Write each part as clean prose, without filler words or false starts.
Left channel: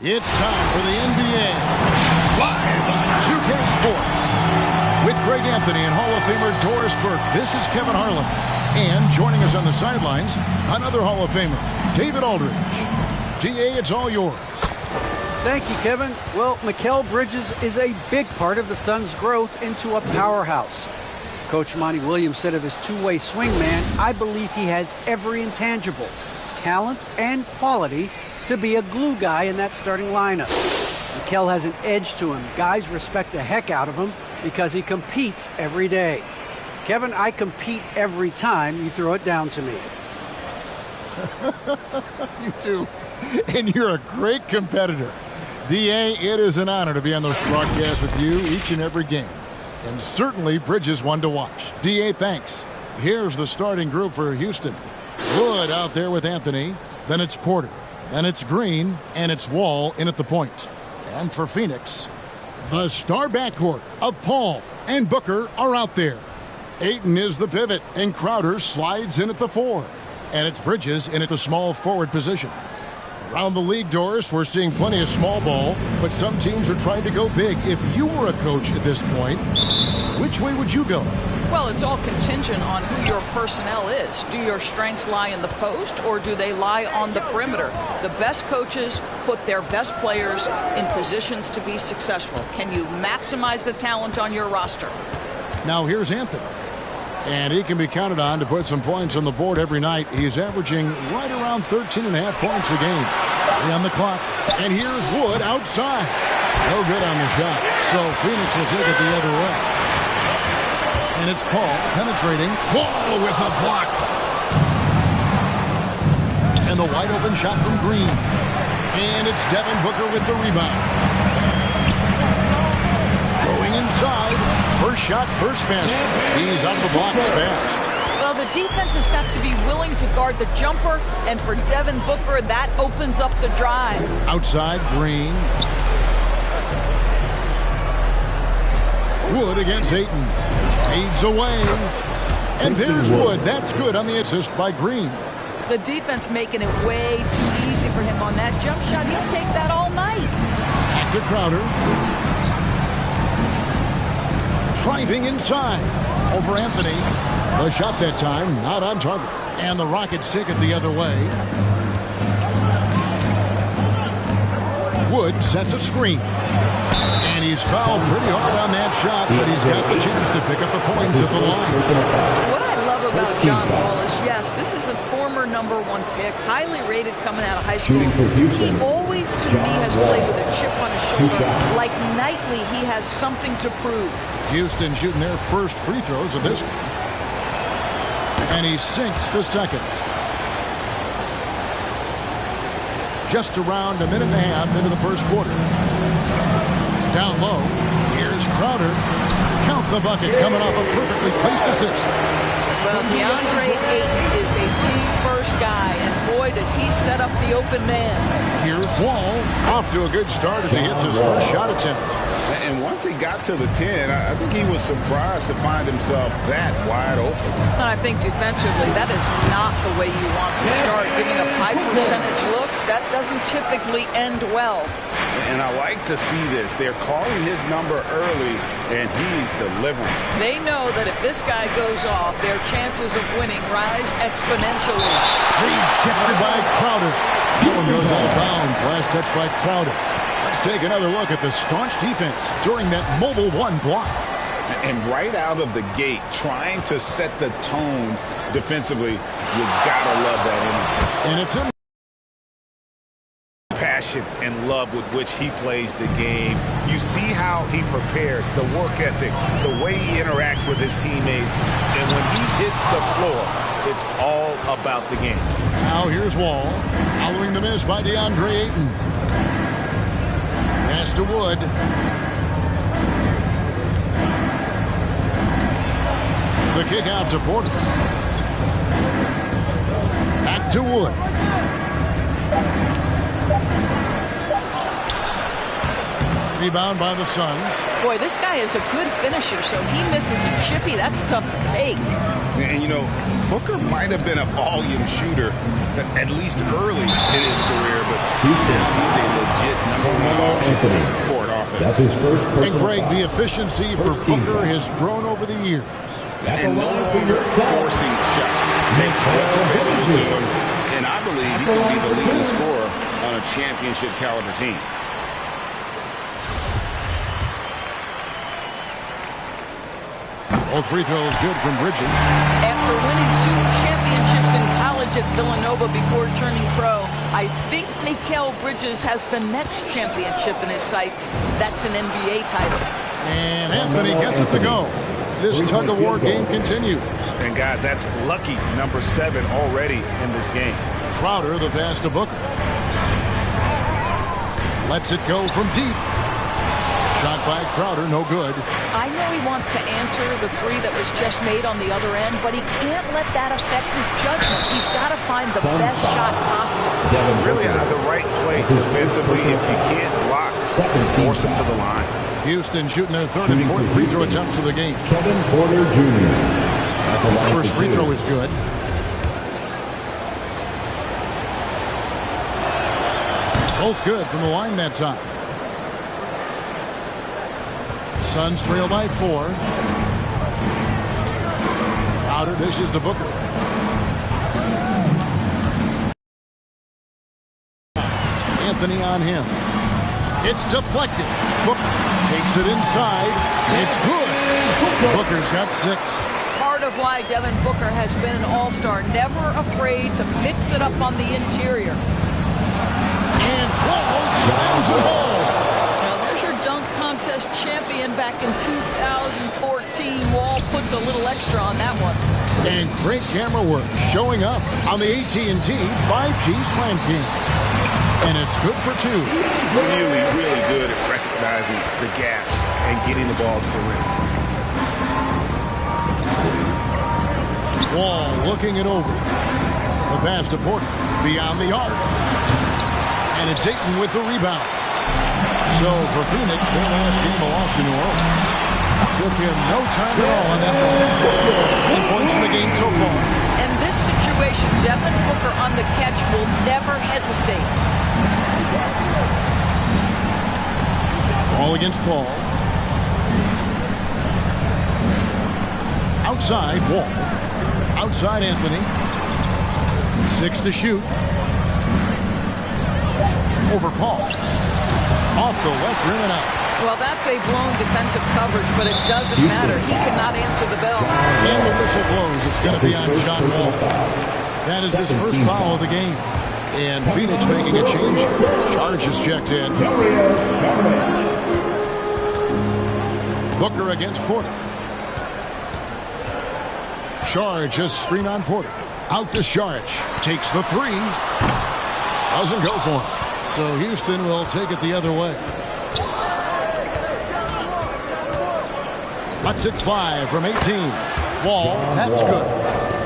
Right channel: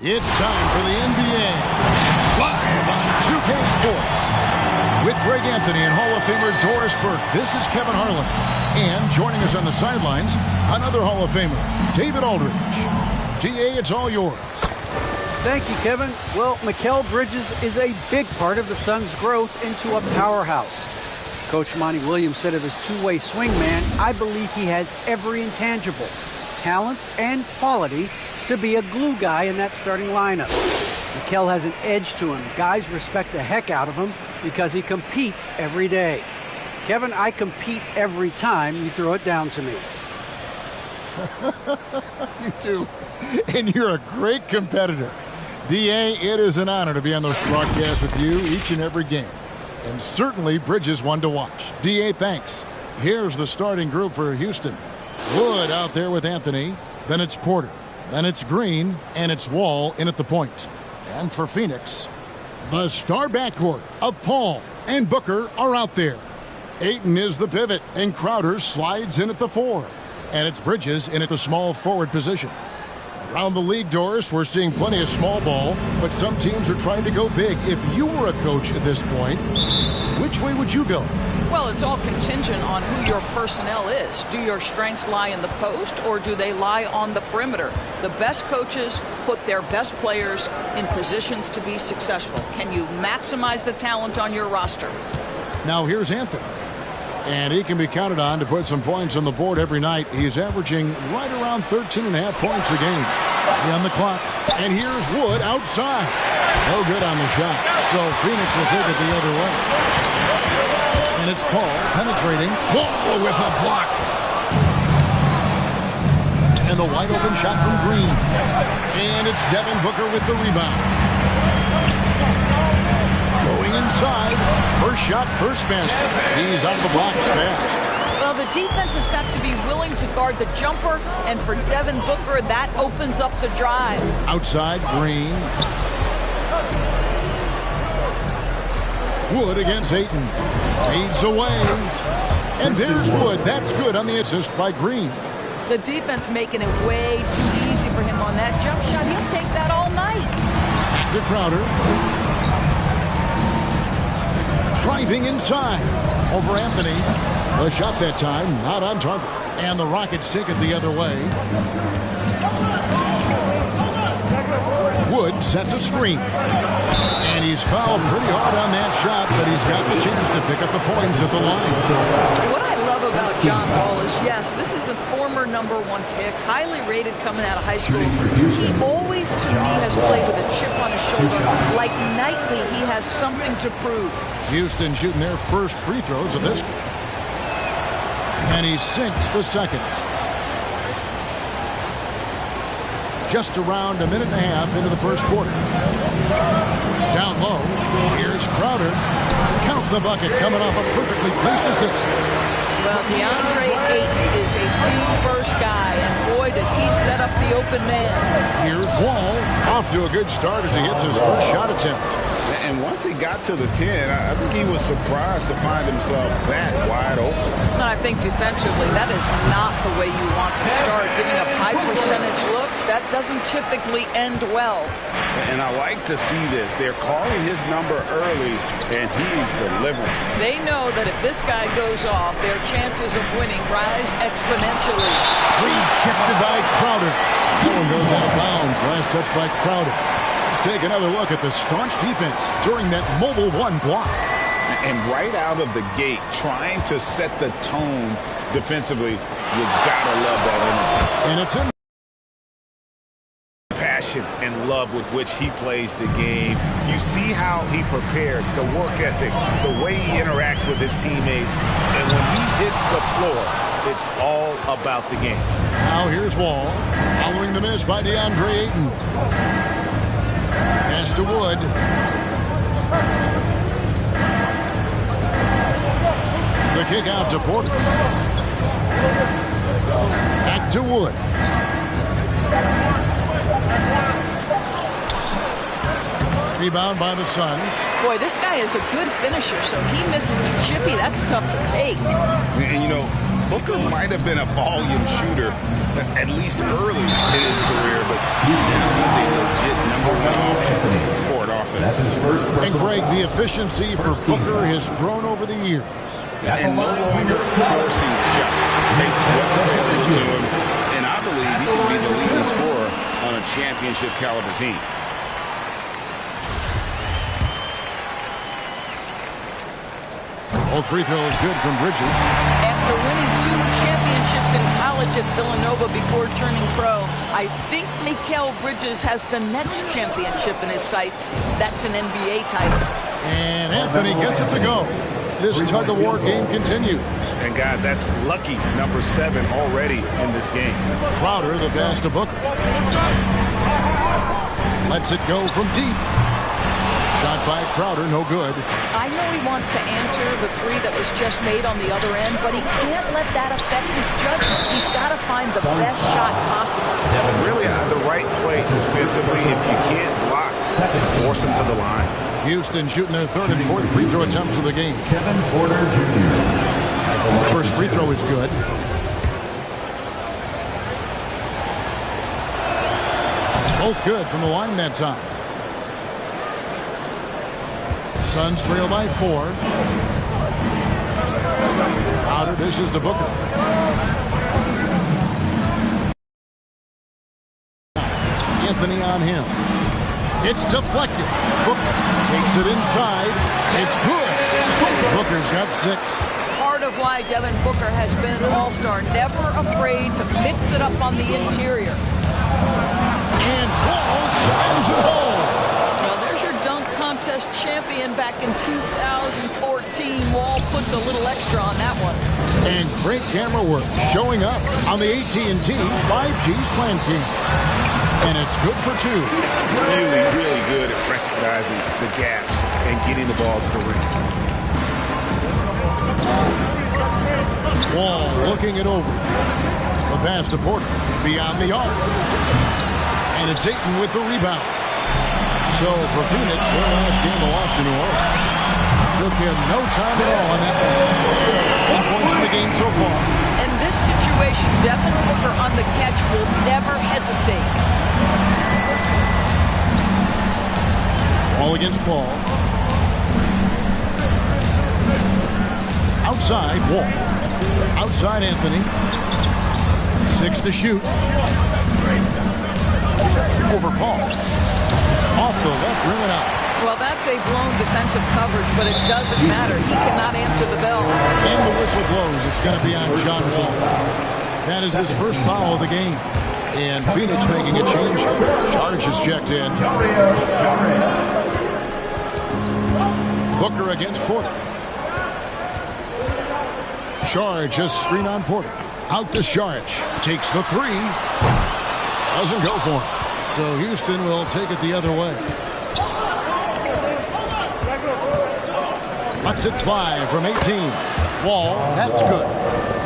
It's time for the NBA, live on 2K Sports. With Greg Anthony and Hall of Famer Doris Burke, this is Kevin Harlan. And joining us on the sidelines, another Hall of Famer, David Aldridge. DA, it's all yours. Thank you, Kevin. Well, Mikal Bridges is a big part of the Suns' growth into a powerhouse. Coach Monty Williams said of his two-way swingman, I believe he has every intangible, talent and quality to be a glue guy in that starting lineup. Mikal has an edge to him. Guys respect the heck out of him because he competes every day. Kevin, I compete every time you throw it down to me. You do. And you're a great competitor. DA, it is an honor to be on this broadcast with you each and every game. And certainly Bridges one to watch. DA, thanks. Here's the starting group for Houston. Wood out there with Anthony. Then it's Porter. Then it's Green, and it's Wall in at the point. And for Phoenix, the star backcourt of Paul and Booker are out there. Ayton is the pivot, and Crowder slides in at the 4. And it's Bridges in at the small forward position. Around the league, Doris, we're seeing plenty of small ball, but some teams are trying to go big. If you were a coach at this point, which way would you go? Well, it's all contingent on who your personnel is. Do your strengths lie in the post, or do they lie on the perimeter? The best coaches put their best players in positions to be successful. Can you maximize the talent on your roster? Now here's Anthony. And he can be counted on to put some points on the board every night. He's averaging right around 13.5 points a game. 3 on the clock. And here's Wood outside. No good on the shot. So Phoenix will take it the other way. And it's Paul penetrating. Whoa, with a block. And the wide open shot from Green. And it's Devin Booker with the rebound. Going inside. First shot, first basket. He's out of the blocks fast. Well, the defense has got to be willing to guard the jumper, and for Devin Booker, that opens up the drive. Outside, Green. Wood against Ayton. Fades away. And there's Wood. That's good on the assist by Green. The defense making it way too easy for him on that jump shot. He'll take that all night. Back to Crowder. Driving inside. Over Anthony. The shot that time, not on target. And the Rockets take it the other way. Wood sets a screen. And he's fouled pretty hard on that shot, but he's got the chance to pick up the points at the line. What I love about John Wall is, yes, this is a former #1 pick, highly rated coming out of high school. He always, to me, has played with a chip on his shoulder. Like nightly, he has something to prove. Houston shooting their first free throws of this game. And he sinks the second. Just around a minute and a half into the first quarter. Down low, here's Crowder. Count the bucket coming off a perfectly placed assist. Well, DeAndre Ayton is a team-first guy, and boy, does he set up the open man. Here's Wall, off to a good start as he hits his first shot attempt. And once he got to the 10, I think he was surprised to find himself that wide open. I think defensively, that is not the way you want to start. Giving up high percentage looks, that doesn't typically end well. And I like to see this. They're calling his number early, and he's delivering. They know that if this guy goes off, their chances of winning rise exponentially. Rejected by Crowder. That one goes out of bounds. Last touch by Crowder. Let's take another look at the staunch defense during that mobile one block. And right out of the gate, trying to set the tone defensively, you gotta love that energy. And it's in. Passion and love with which he plays the game. You see how he prepares, the work ethic, the way he interacts with his teammates. And when he hits the floor, it's all about the game. Now here's Wall, following the miss by DeAndre Ayton. Pass to Wood. The kick out to Porter. Back to Wood. Rebound by the Suns. Boy, this guy is a good finisher, so he misses a chippy. That's tough to take. And, you know, Booker might have been a volume shooter, at least early in his career, but now he's a legit #1 option for an offense. That's his first personal. And Greg, the efficiency for Booker has grown over the years. And no longer forcing shots. Takes what's available to him, and I believe he can be the leading scorer on a championship caliber team. Both free throws good from Bridges. After winning 2 championships in college at Villanova before turning pro, I think Mikal Bridges has the next championship in his sights. That's an NBA title. And Anthony gets it to go. This tug-of-war game continues. And, guys, that's lucky number 7 already in this game. Crowder, the pass to Booker. Lets it go from deep. Shot by Crowder, no good. I know he wants to answer the 3 that was just made on the other end, but he can't let that affect his judgment. He's got to find the best shot possible. Really the right play defensively. If you can't block, force him to the line. Houston shooting their 3rd and 4th free throw attempts of the game. Kevin Porter Jr. First free throw is good. Both good from the line that time. Suns trail by 4. Crowder dishes to Booker. Anthony on him. It's deflected. Booker takes it inside. It's good. Booker's got 6. Part of why Devin Booker has been an all-star, never afraid to mix it up on the interior. And Wall slams it home. Now there's your dunk contest champion back in 2014. Wall puts a little extra on that one. And great camera work showing up on the AT&T 5G Slam Cam. And it's good for 2. Really, really good at recognizing the gaps and getting the ball to the rim. Wall looking it over. The pass to Porter beyond the arc. And it's Ayton with the rebound. So for Phoenix, their last game a loss to New Orleans. Took him no time at all on that one. 10 points in the game so far. In this situation, Devin Booker on the catch will never hesitate. Ball against Paul. Outside, Wall. Outside, Anthony. 6 to shoot. Over Paul. Off the left rim and out. Well, that's a blown defensive coverage, but it doesn't matter. He cannot answer the bell. And the whistle blows. It's going to be on John Wall. That is his first foul of the game. And Phoenix making a change. Charge is checked in. Booker against Porter. Charge just screen on Porter. Out to Charge. Takes the 3. Doesn't go for him. So Houston will take it the other way. Lets it fly from 18. Wall, that's good.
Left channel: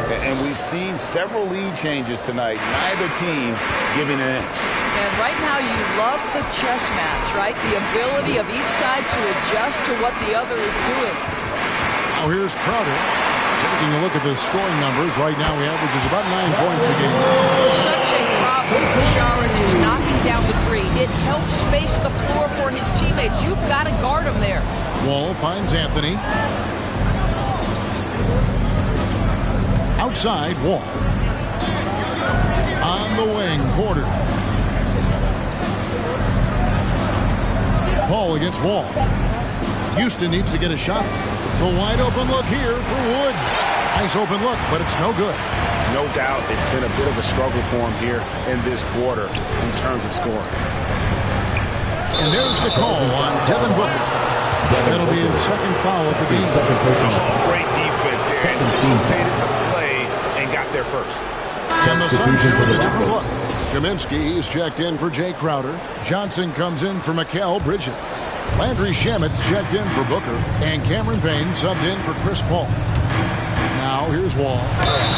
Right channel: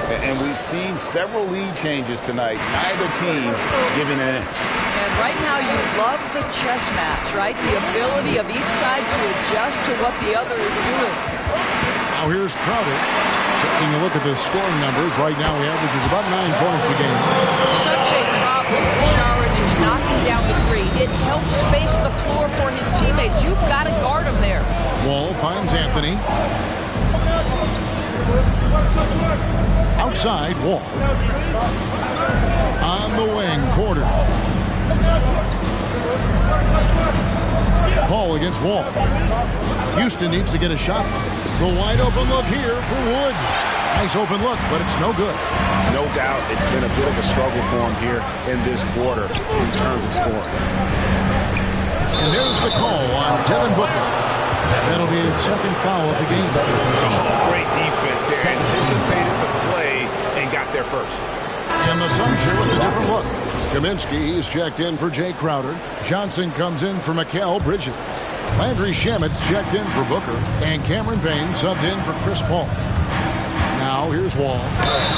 And we've seen several lead changes tonight, neither team giving an inch. And right now you love the chess match, right? The ability of each side to adjust to what the other is doing. Now here's Crowder. Taking a look at the scoring numbers, right now he averages about 9 points a game. Such a problem for Saric is knocking down the three. It helps space the floor for his teammates. You've got to guard him there. Wall finds Anthony. Outside, Wall. On the wing, Porter. Paul against Wall. Houston needs to get a shot. The wide open look here for Wood. Nice open look, but it's no good. No doubt it's been a bit of a struggle for him here in this quarter in terms of scoring. And there's the call on Devin Booker. That'll be his second foul of the game. Oh, great defense there. Anticipated the play and got there first. And the Suns here with a different look. Kaminsky is checked in for Jay Crowder. Johnson comes in for Mikal Bridges. Landry Shamit's checked in for Booker. And Cameron Payne subbed in for Chris Paul. Now here's Wall.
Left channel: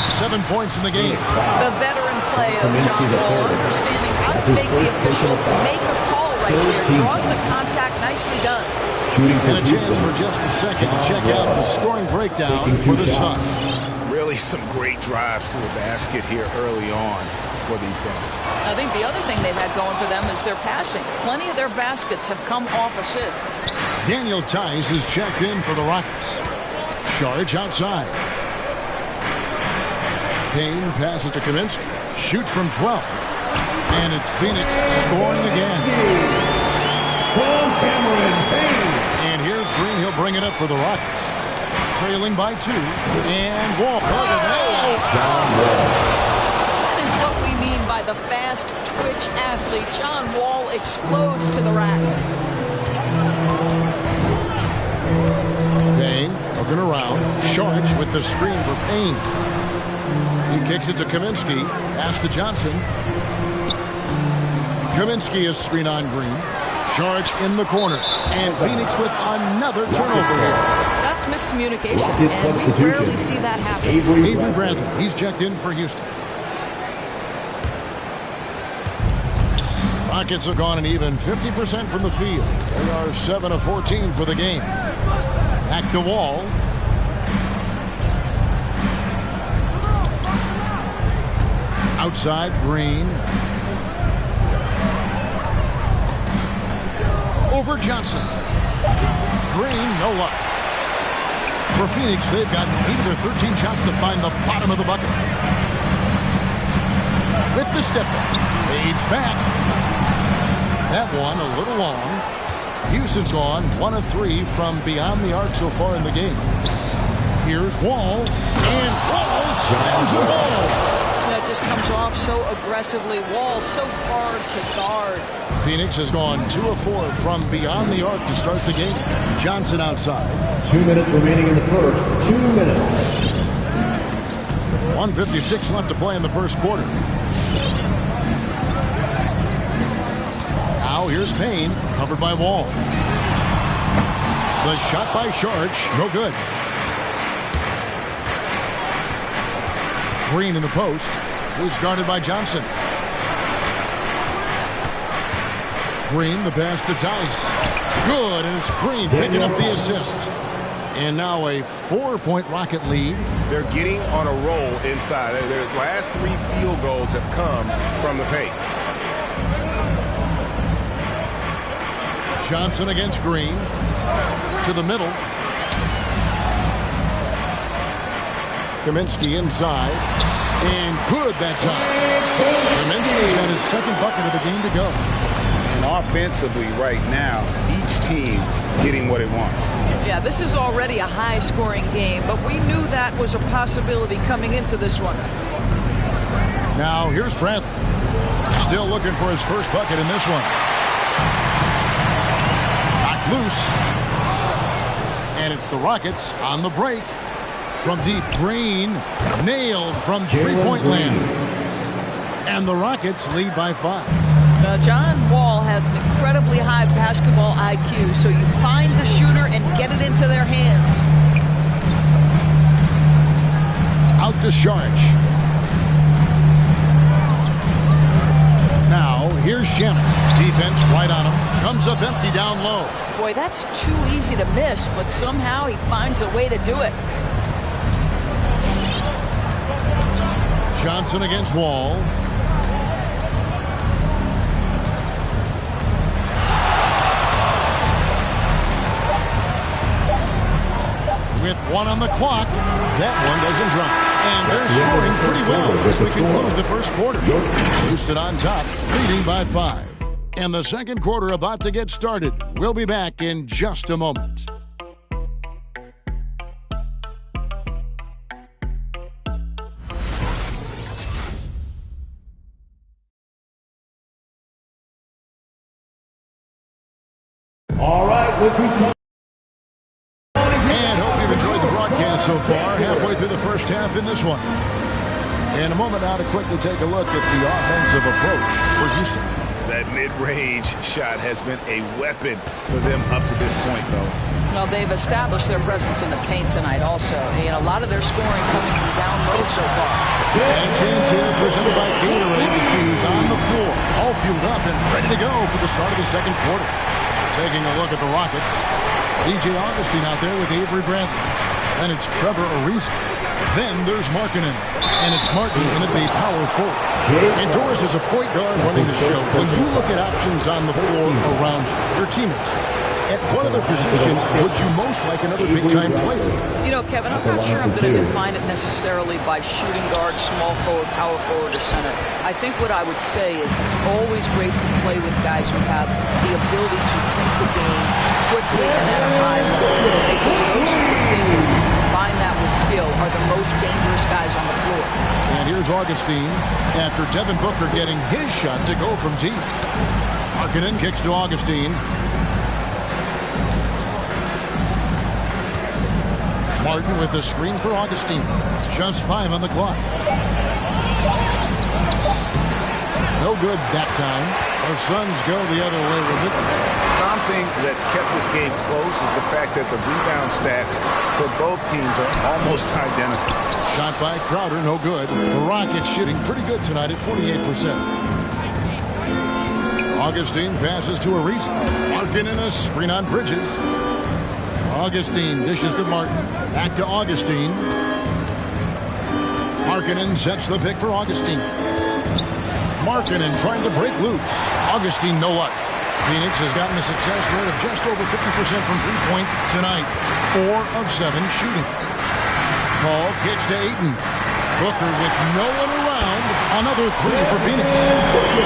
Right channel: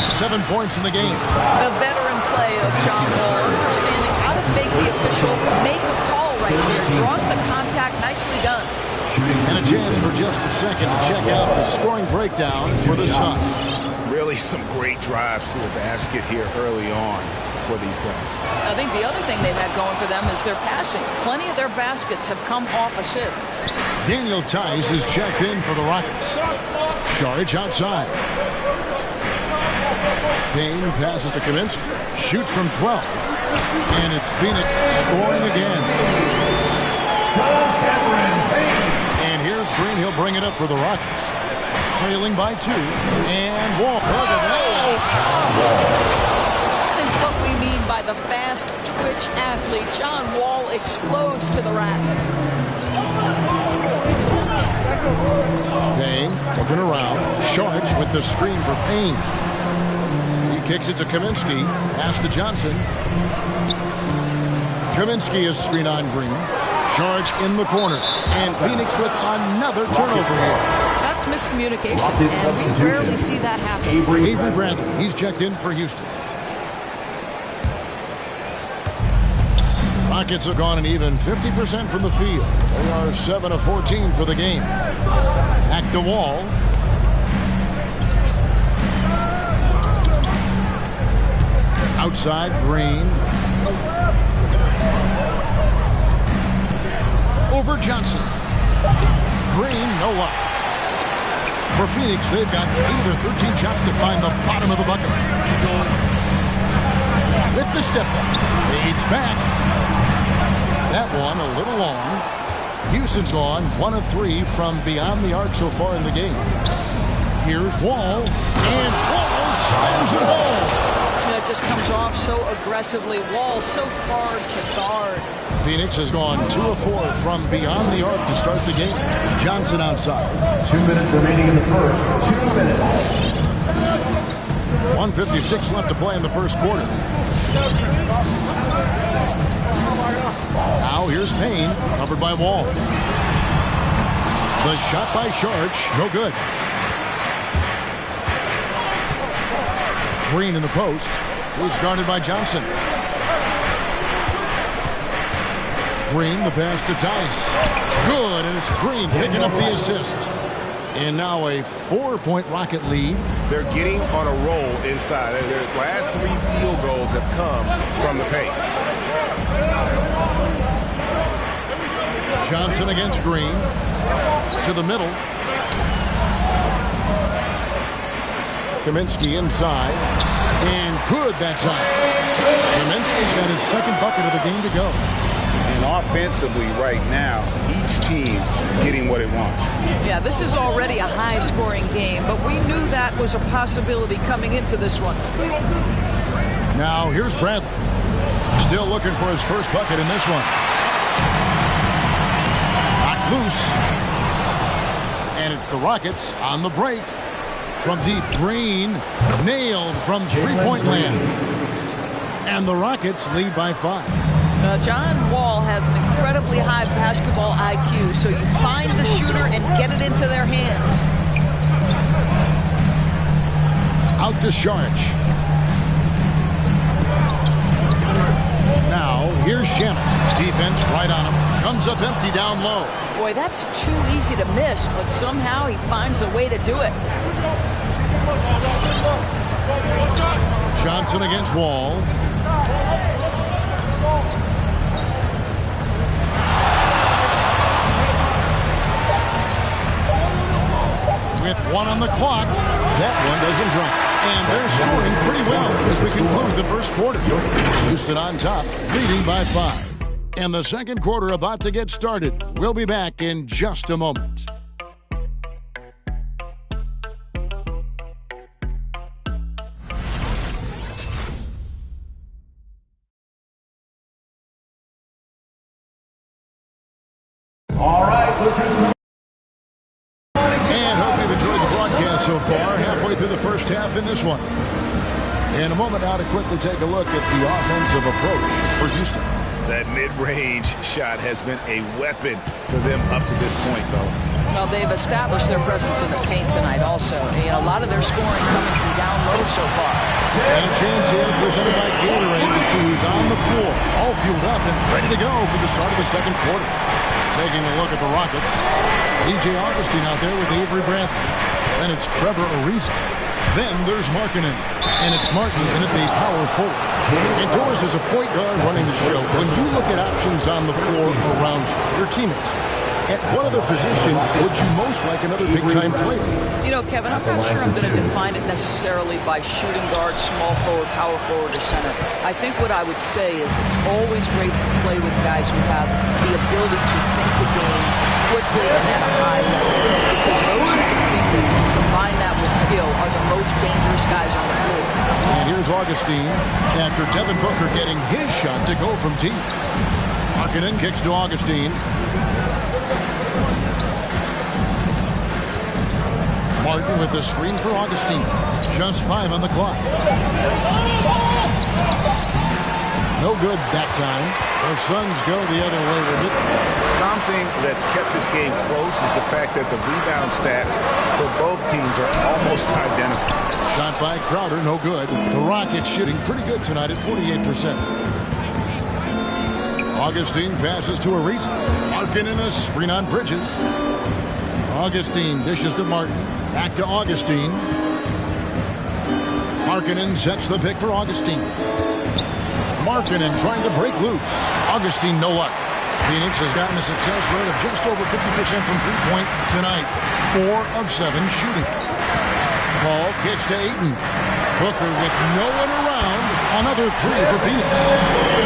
7 points in the game. The veteran play of John Wall, understanding how to make the official make a call right there. Draws the contact. Nicely done. And a chance for just a second to check out the scoring breakdown for the Suns. Really some great drives to the basket here early on for these guys. I think the other thing they've had going for them is their passing. Plenty of their baskets have come off assists. Daniel Tice is checked in for the Rockets. Saric outside. Payne passes to Kaminsky. Shoots from 12. And it's Phoenix scoring again. And here's Green. He'll bring it up for the Rockets. Trailing by 2. And Wall. That is what we mean by the fast twitch athlete. John Wall explodes to the rack. Payne looking around. Saric with the screen for Payne. He kicks it to Kaminsky. Pass to Johnson. Kaminsky is screen on Green. Saric in the corner. And Phoenix with another turnover here. That's miscommunication, and we rarely see that happen. Avery Bradley. He's checked in for Houston. The Rockets have gone an even 50% from the field. They are 7 of 14 for the game. Back to Wall. Outside, Green. Over Johnson. Green, no luck. For Phoenix, they've got 8 of their 13 shots to find the bottom of the bucket. With the step back, fades back. That one a little long. Houston's gone 1 of 3 from beyond the arc so far in the game. Here's Wall, and Wall slams it home. It just comes off so aggressively. Wall so hard to guard. Phoenix has gone 2 of 4 from beyond the arc to start the game. Johnson outside. 2 minutes remaining in the first. 2 minutes. 1:56 left to play in the first quarter. Now here's Payne, covered by Wall. The shot by Saric, no good. Green in the post. He's guarded by Johnson. Green, the pass to Tice. Good, and it's Green picking up the assist. And now a 4-point Rocket lead. They're getting on a roll inside. Their last 3 field goals have come from the paint. Johnson against Green. To the middle. Kaminsky inside. And good that time. Kaminsky's got his second bucket of the game to go. And offensively right now, each team getting what it wants. Yeah, this is already a high-scoring game, but we knew that was a possibility coming into this one. Now here's Bradley. Still looking for his first bucket in this one. Knocked loose. And it's the Rockets on the break. From deep, Green nailed from three-point land. And the Rockets lead by 5. John Wall has an incredibly high basketball IQ, so you find the shooter and get it into their hands. Out to Sharch. Now, here's Shamit. Defense right on him. Comes up empty down low. Boy, that's too easy to miss, but somehow he finds a way to do it. Johnson against Wall. With 1 on the clock, that one doesn't drop. And they're scoring pretty well as we conclude the first quarter. Houston on top, leading by 5. And the second quarter about to get started. We'll be back in just a moment. All right, look who's coming. And hope you've enjoyed the broadcast so far. Halfway through the first half in this one. In a moment now to quickly take a look at the offensive approach for Houston. That mid-range shot has been a weapon for them up to this point, fellas. Well, they've established their presence in the paint tonight also. And a lot of their scoring coming from down low so far. And a chance here presented by Gatorade to see who's on the floor. All fueled up and ready to go for the start of the second quarter. Taking a look at the Rockets. DJ Augustine out there with Avery Bradley. Then it's Trevor Ariza. Then there's Markkanen. And it's Martin in at the power forward. And Doris is a point guard running the show. When you look at options on the floor around you, your teammates, at what other position would you most like another big-time player? You know, Kevin, I'm not sure I'm going to define it necessarily by shooting guard, small forward, power forward, or center. I think what I would say is it's always great to play with guys who have the ability to think the game quickly and at a high level. Because those who can think it and combine that with skill are the most dangerous guys on the floor. And here's Augustine after Devin Booker getting his shot to go from deep. Markkanen kicks to Augustine. Martin with the screen for Augustine. Just 5 on the clock. No good that time. The Suns go the other way with it. Something that's kept this game close is the fact that the rebound stats for both teams are almost identical. Shot by Crowder, no good. The Rockets shooting pretty good tonight at 48%. Augustine passes to Ariza. Markkanen a screen on Bridges. Augustine dishes to Martin. Back to Augustine. Markkanen sets the pick for Augustine. Markkanen trying to break loose. Augustine, no luck. Phoenix has gotten a success rate of just over 50% from three-point tonight. 4 of 7 shooting. Paul kicks to Ayton. Booker with no one around. Another 3 for Phoenix.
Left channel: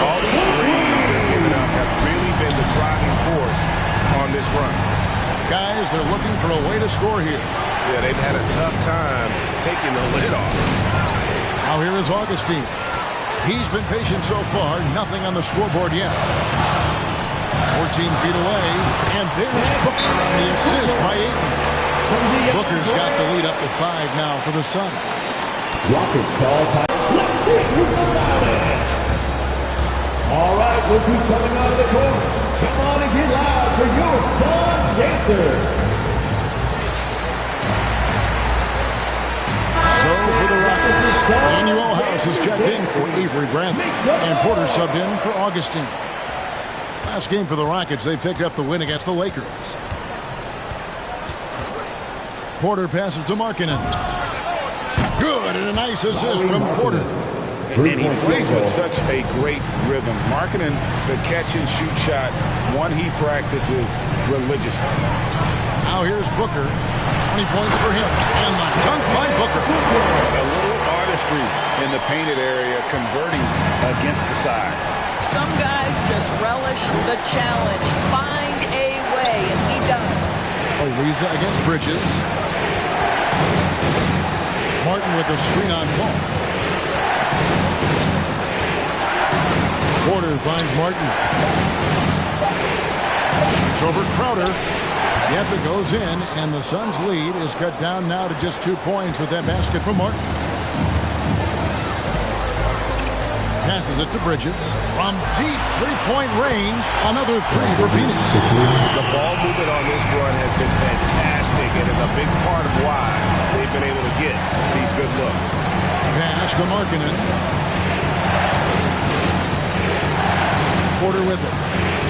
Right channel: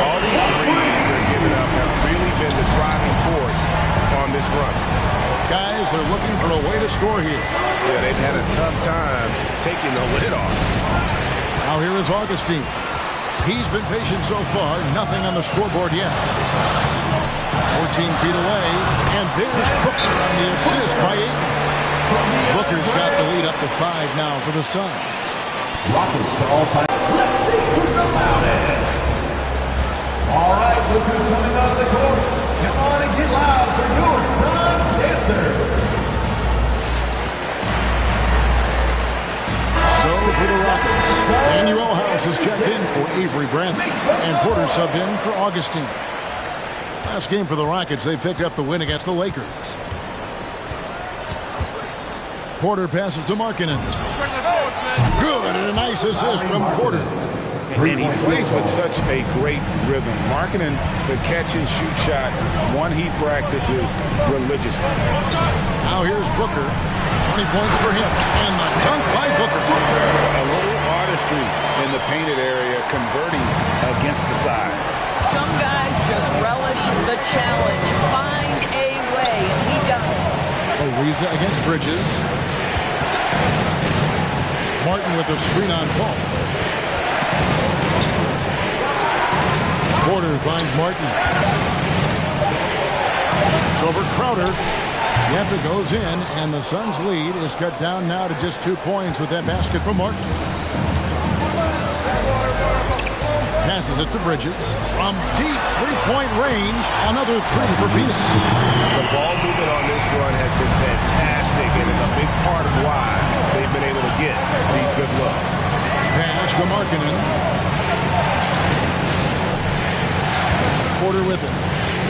All these threes they're giving up have really been the driving force on this run. Guys, they're looking for a way to score here. Yeah, they've had a tough time taking the lid off. Now here is Augustine. He's been patient so far. Nothing on the scoreboard yet. 14 feet away. And there's Booker on the assist by Ayton. Booker's got the lead up to 5 now for the Suns. Rockets call time. Let's see who's the loudest. All right, look who's coming out of the court. Come on and get loud for your Suns dancer. So for the Rockets, Manuel House is checked in for Avery Bradley, and Porter subbed in for Augustine. Last game for the Rockets, they picked up the win against the Lakers. Porter passes to Markkanen. Good, and a nice assist from Porter. And he plays with such a great rhythm. Markkanen, the catch-and-shoot shot, one he practices religiously. Now here's Booker. 20 points for him. And the dunk by Booker. A little artistry in the painted area, converting against the size. Some guys just relish the challenge. Find a way, and he does. Ariza against Bridges. Martin with the screen on Paul. Porter finds Martin. Shoots over Crowder. Yep, it goes in, and the Suns' lead is cut down now to just 2 points with that basket from Martin. Passes it to Bridges. From deep three-point range, another 3 for Phoenix. The ball movement on this run has been fantastic and is a big part of why they've been able to get these good looks. Pass to Markkanen. Porter with it.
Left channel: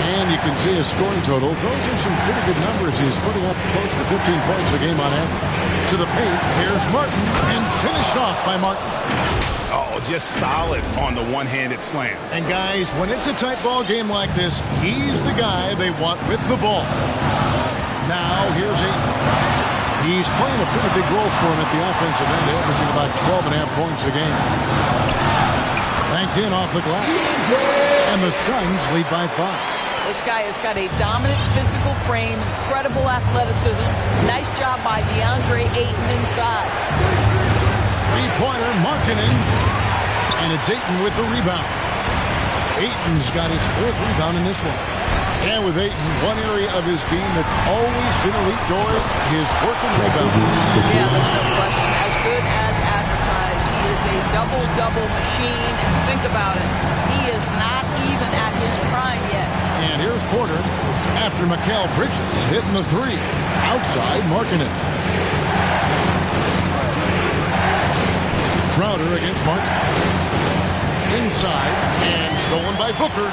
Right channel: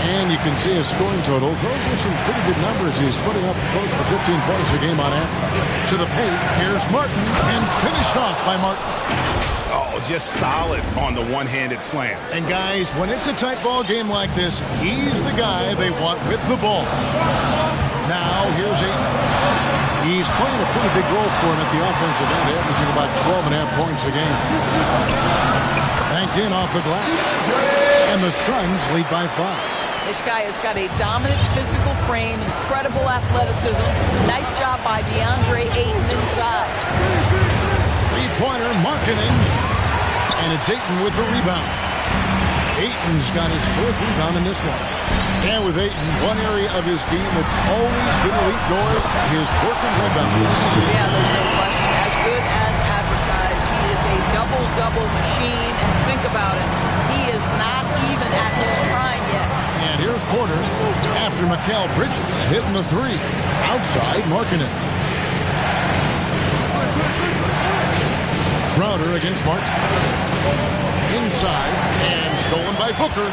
And you can see his scoring totals. Those are some pretty good numbers. He's putting up close to 15 points a game on average. To the paint, here's Martin, and finished off by Martin. Oh, just solid on the one-handed slam. And guys, when it's a tight ball game like this, he's the guy they want with the ball. Now, here's Ayton. He's playing a pretty big role for him at the offensive end, averaging about 12.5 points a game. Banked in off the glass. And the Suns lead by 5. This guy has got a dominant physical frame, incredible athleticism. Nice job by DeAndre Ayton inside. Three-pointer, Markkanen. And it's Ayton with the rebound. Ayton's got his 4th rebound in this one. And with Ayton, one area of his game that's always been elite, Doris, his work and rebound. Yeah, there's no question. As good as advertised. He is a double-double machine. And think about it. He is not even at his prime yet. And here's Porter after Mikal Bridges hitting the 3. Outside, Markkanen. Crowder against Martin. Inside and stolen by Booker.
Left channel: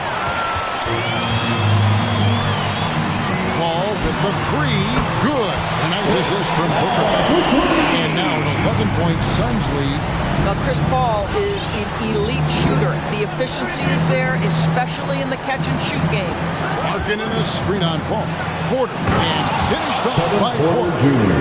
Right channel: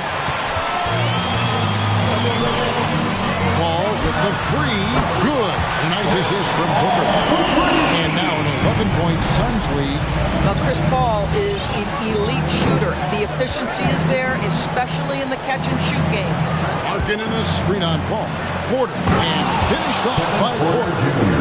Paul with the 3. Good. A nice assist from Booker. And now an 11-point Suns lead. Well, Chris Paul is an elite shooter. The efficiency is there, especially in the catch-and-shoot game. Markkanen a screen on Paul. Porter. And finished off by Porter.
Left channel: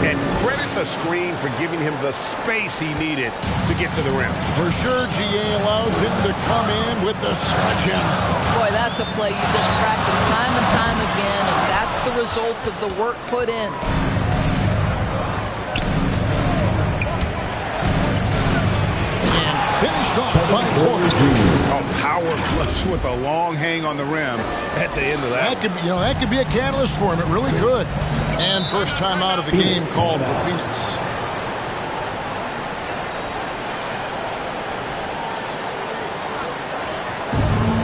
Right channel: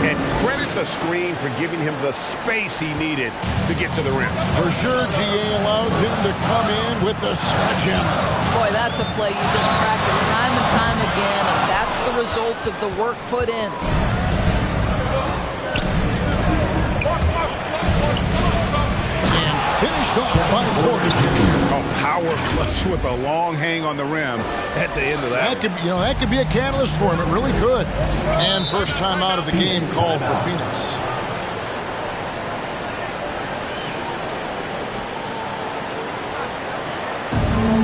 And credit the screen for giving him the space he needed to get to the rim. For sure, GA allows him to come in with the sledgehammer. Boy, that's a play you just practice time and time again, and that's the result of the work put in. Finished off by Porter. A power flush with a long hang on the rim at the end of that. That could be a catalyst for him. It really could. And first time out of the game called for Phoenix.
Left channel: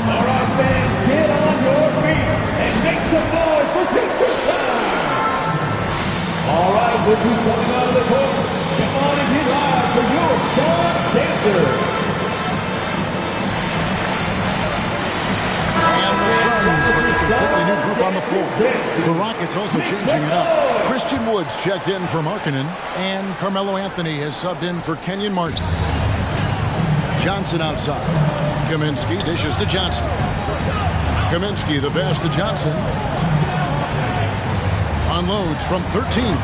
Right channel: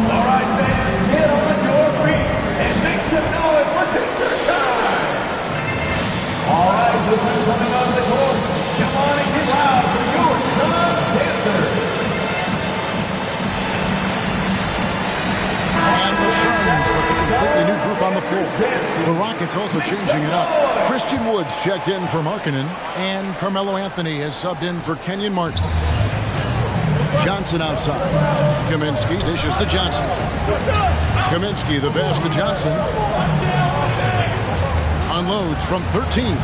All right, fans, get on your feet and make some noise for teacher time. All right, this is coming out of the court. Come on and get loud for your Suns dancer. And the Suns with a completely new group on the floor. The Rockets also changing it up. Christian Woods checked in for Markkanen, and Carmelo Anthony has subbed in for Kenyon Martin. Johnson outside. Kaminsky dishes to Johnson. Kaminsky the pass to Johnson. Unloads from 13.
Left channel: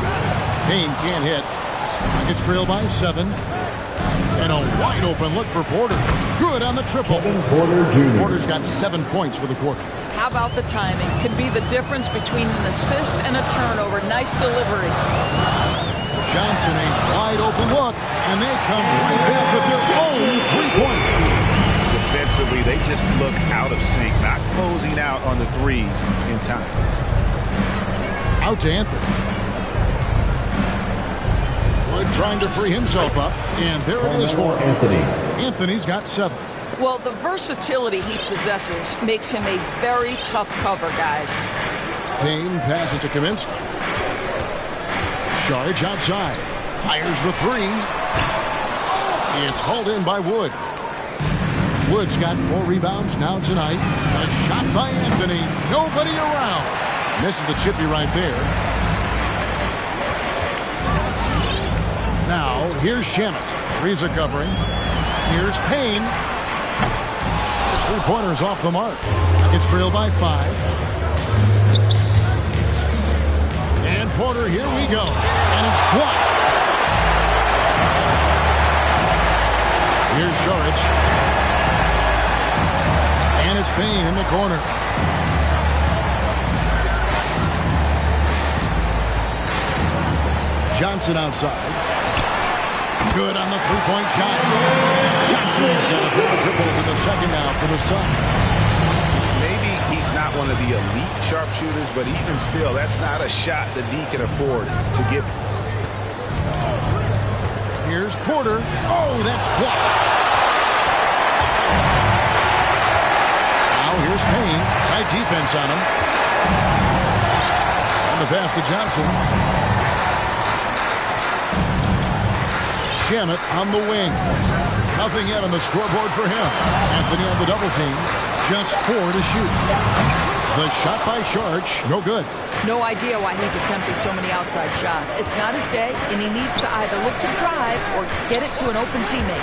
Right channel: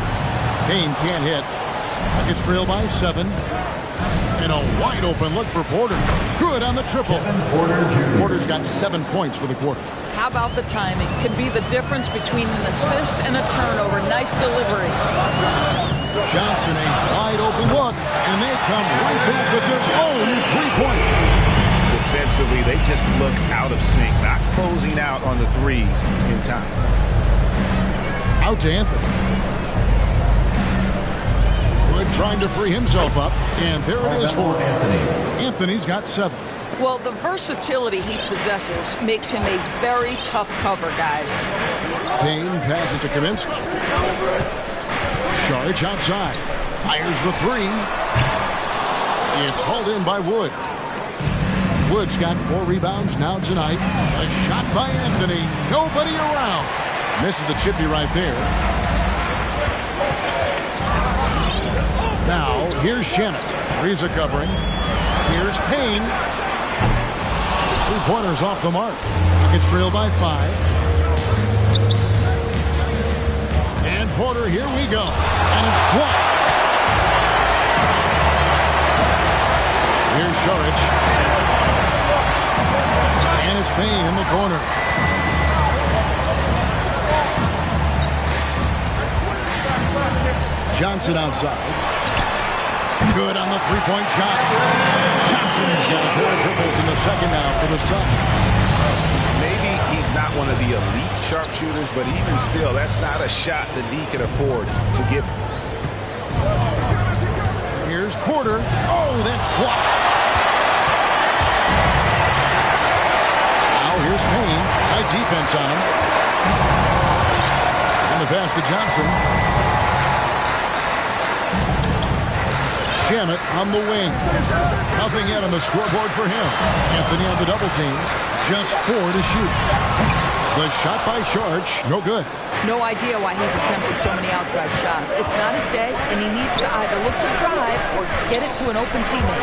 Payne can't hit. Rockets trail by 7. And a wide open look for Porter. Good on the triple. Porter Jr. Porter's got 7 points for the quarter. How about the timing? Can be the difference between an assist and a turnover. Nice delivery. Johnson a wide open look, and they come right back with their own three-pointer. Defensively, they just look out of sync, not closing out on the threes in time. Out to Anthony. Wood trying to free himself up, and there it is for him. Anthony's got 7. Well, the versatility he possesses makes him a very tough cover, guys. Payne passes to Kaminsky. Saric outside. Fires the 3. It's hauled in by Wood. Wood's got 4 rebounds now tonight. A shot by Anthony. Nobody around. Misses the chippy right there. Now, here's Shamet. Ariza covering. Here's Payne. His three-pointer's off the mark. Rockets trail by 5. And Porter, here we go. And it's blocked. Here's Saric. And it's Payne in the corner. Johnson outside. Good on the three-point shot. Johnson's got a pair of triples in the second now for the Suns. Maybe he's not one of the elite sharpshooters, but even still, that's not a shot that D can afford to give him. Here's Porter. Oh, that's blocked. Now here's Payne. Tight defense on him. On the pass to Johnson. Shamet on the wing. Nothing yet on the scoreboard for him. Anthony on the double team. Just 4 to shoot. The shot by Sharch, no good. No idea why he's attempting so many outside shots. It's not his day, and he needs to either look to drive or get it to an open teammate.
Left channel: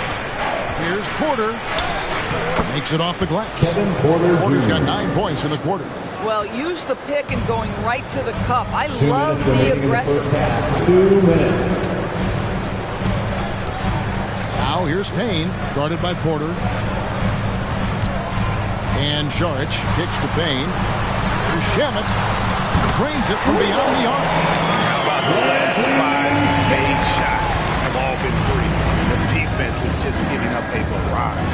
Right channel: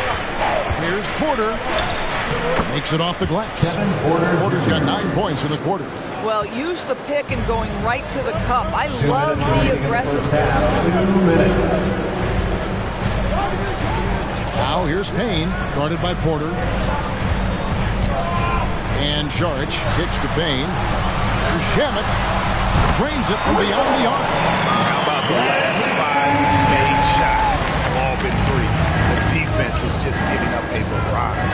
Here's Porter. Makes it off the glass. Kevin Porter Porter's Jr. got 9 points in the quarter. Well, use the pick and going right to the cup. I love the aggressiveness. 2 minutes. Now here's Payne, guarded by Porter. And Sharch kicks to Payne. Here's Shamet. Drains it from beyond the arc. How about the last 5 made shots have all been threes? The defense is just giving up a barrage.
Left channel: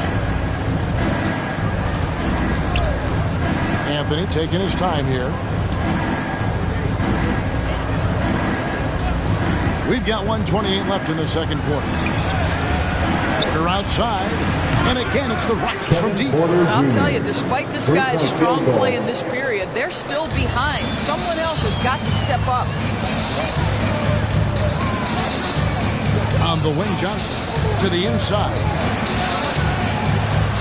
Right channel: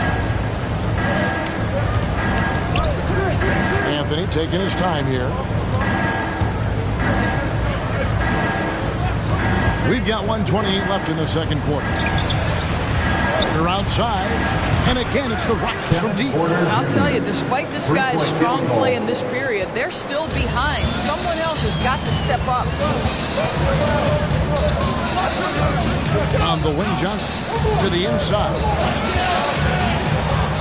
Anthony taking his time here. We've got 1:28 left in the second quarter. Porter outside. And again, it's the Rockets from deep. I'll tell you, despite this guy's strong play in this period, they're still behind. Someone else has got to step up. On the wing, Johnson to the inside.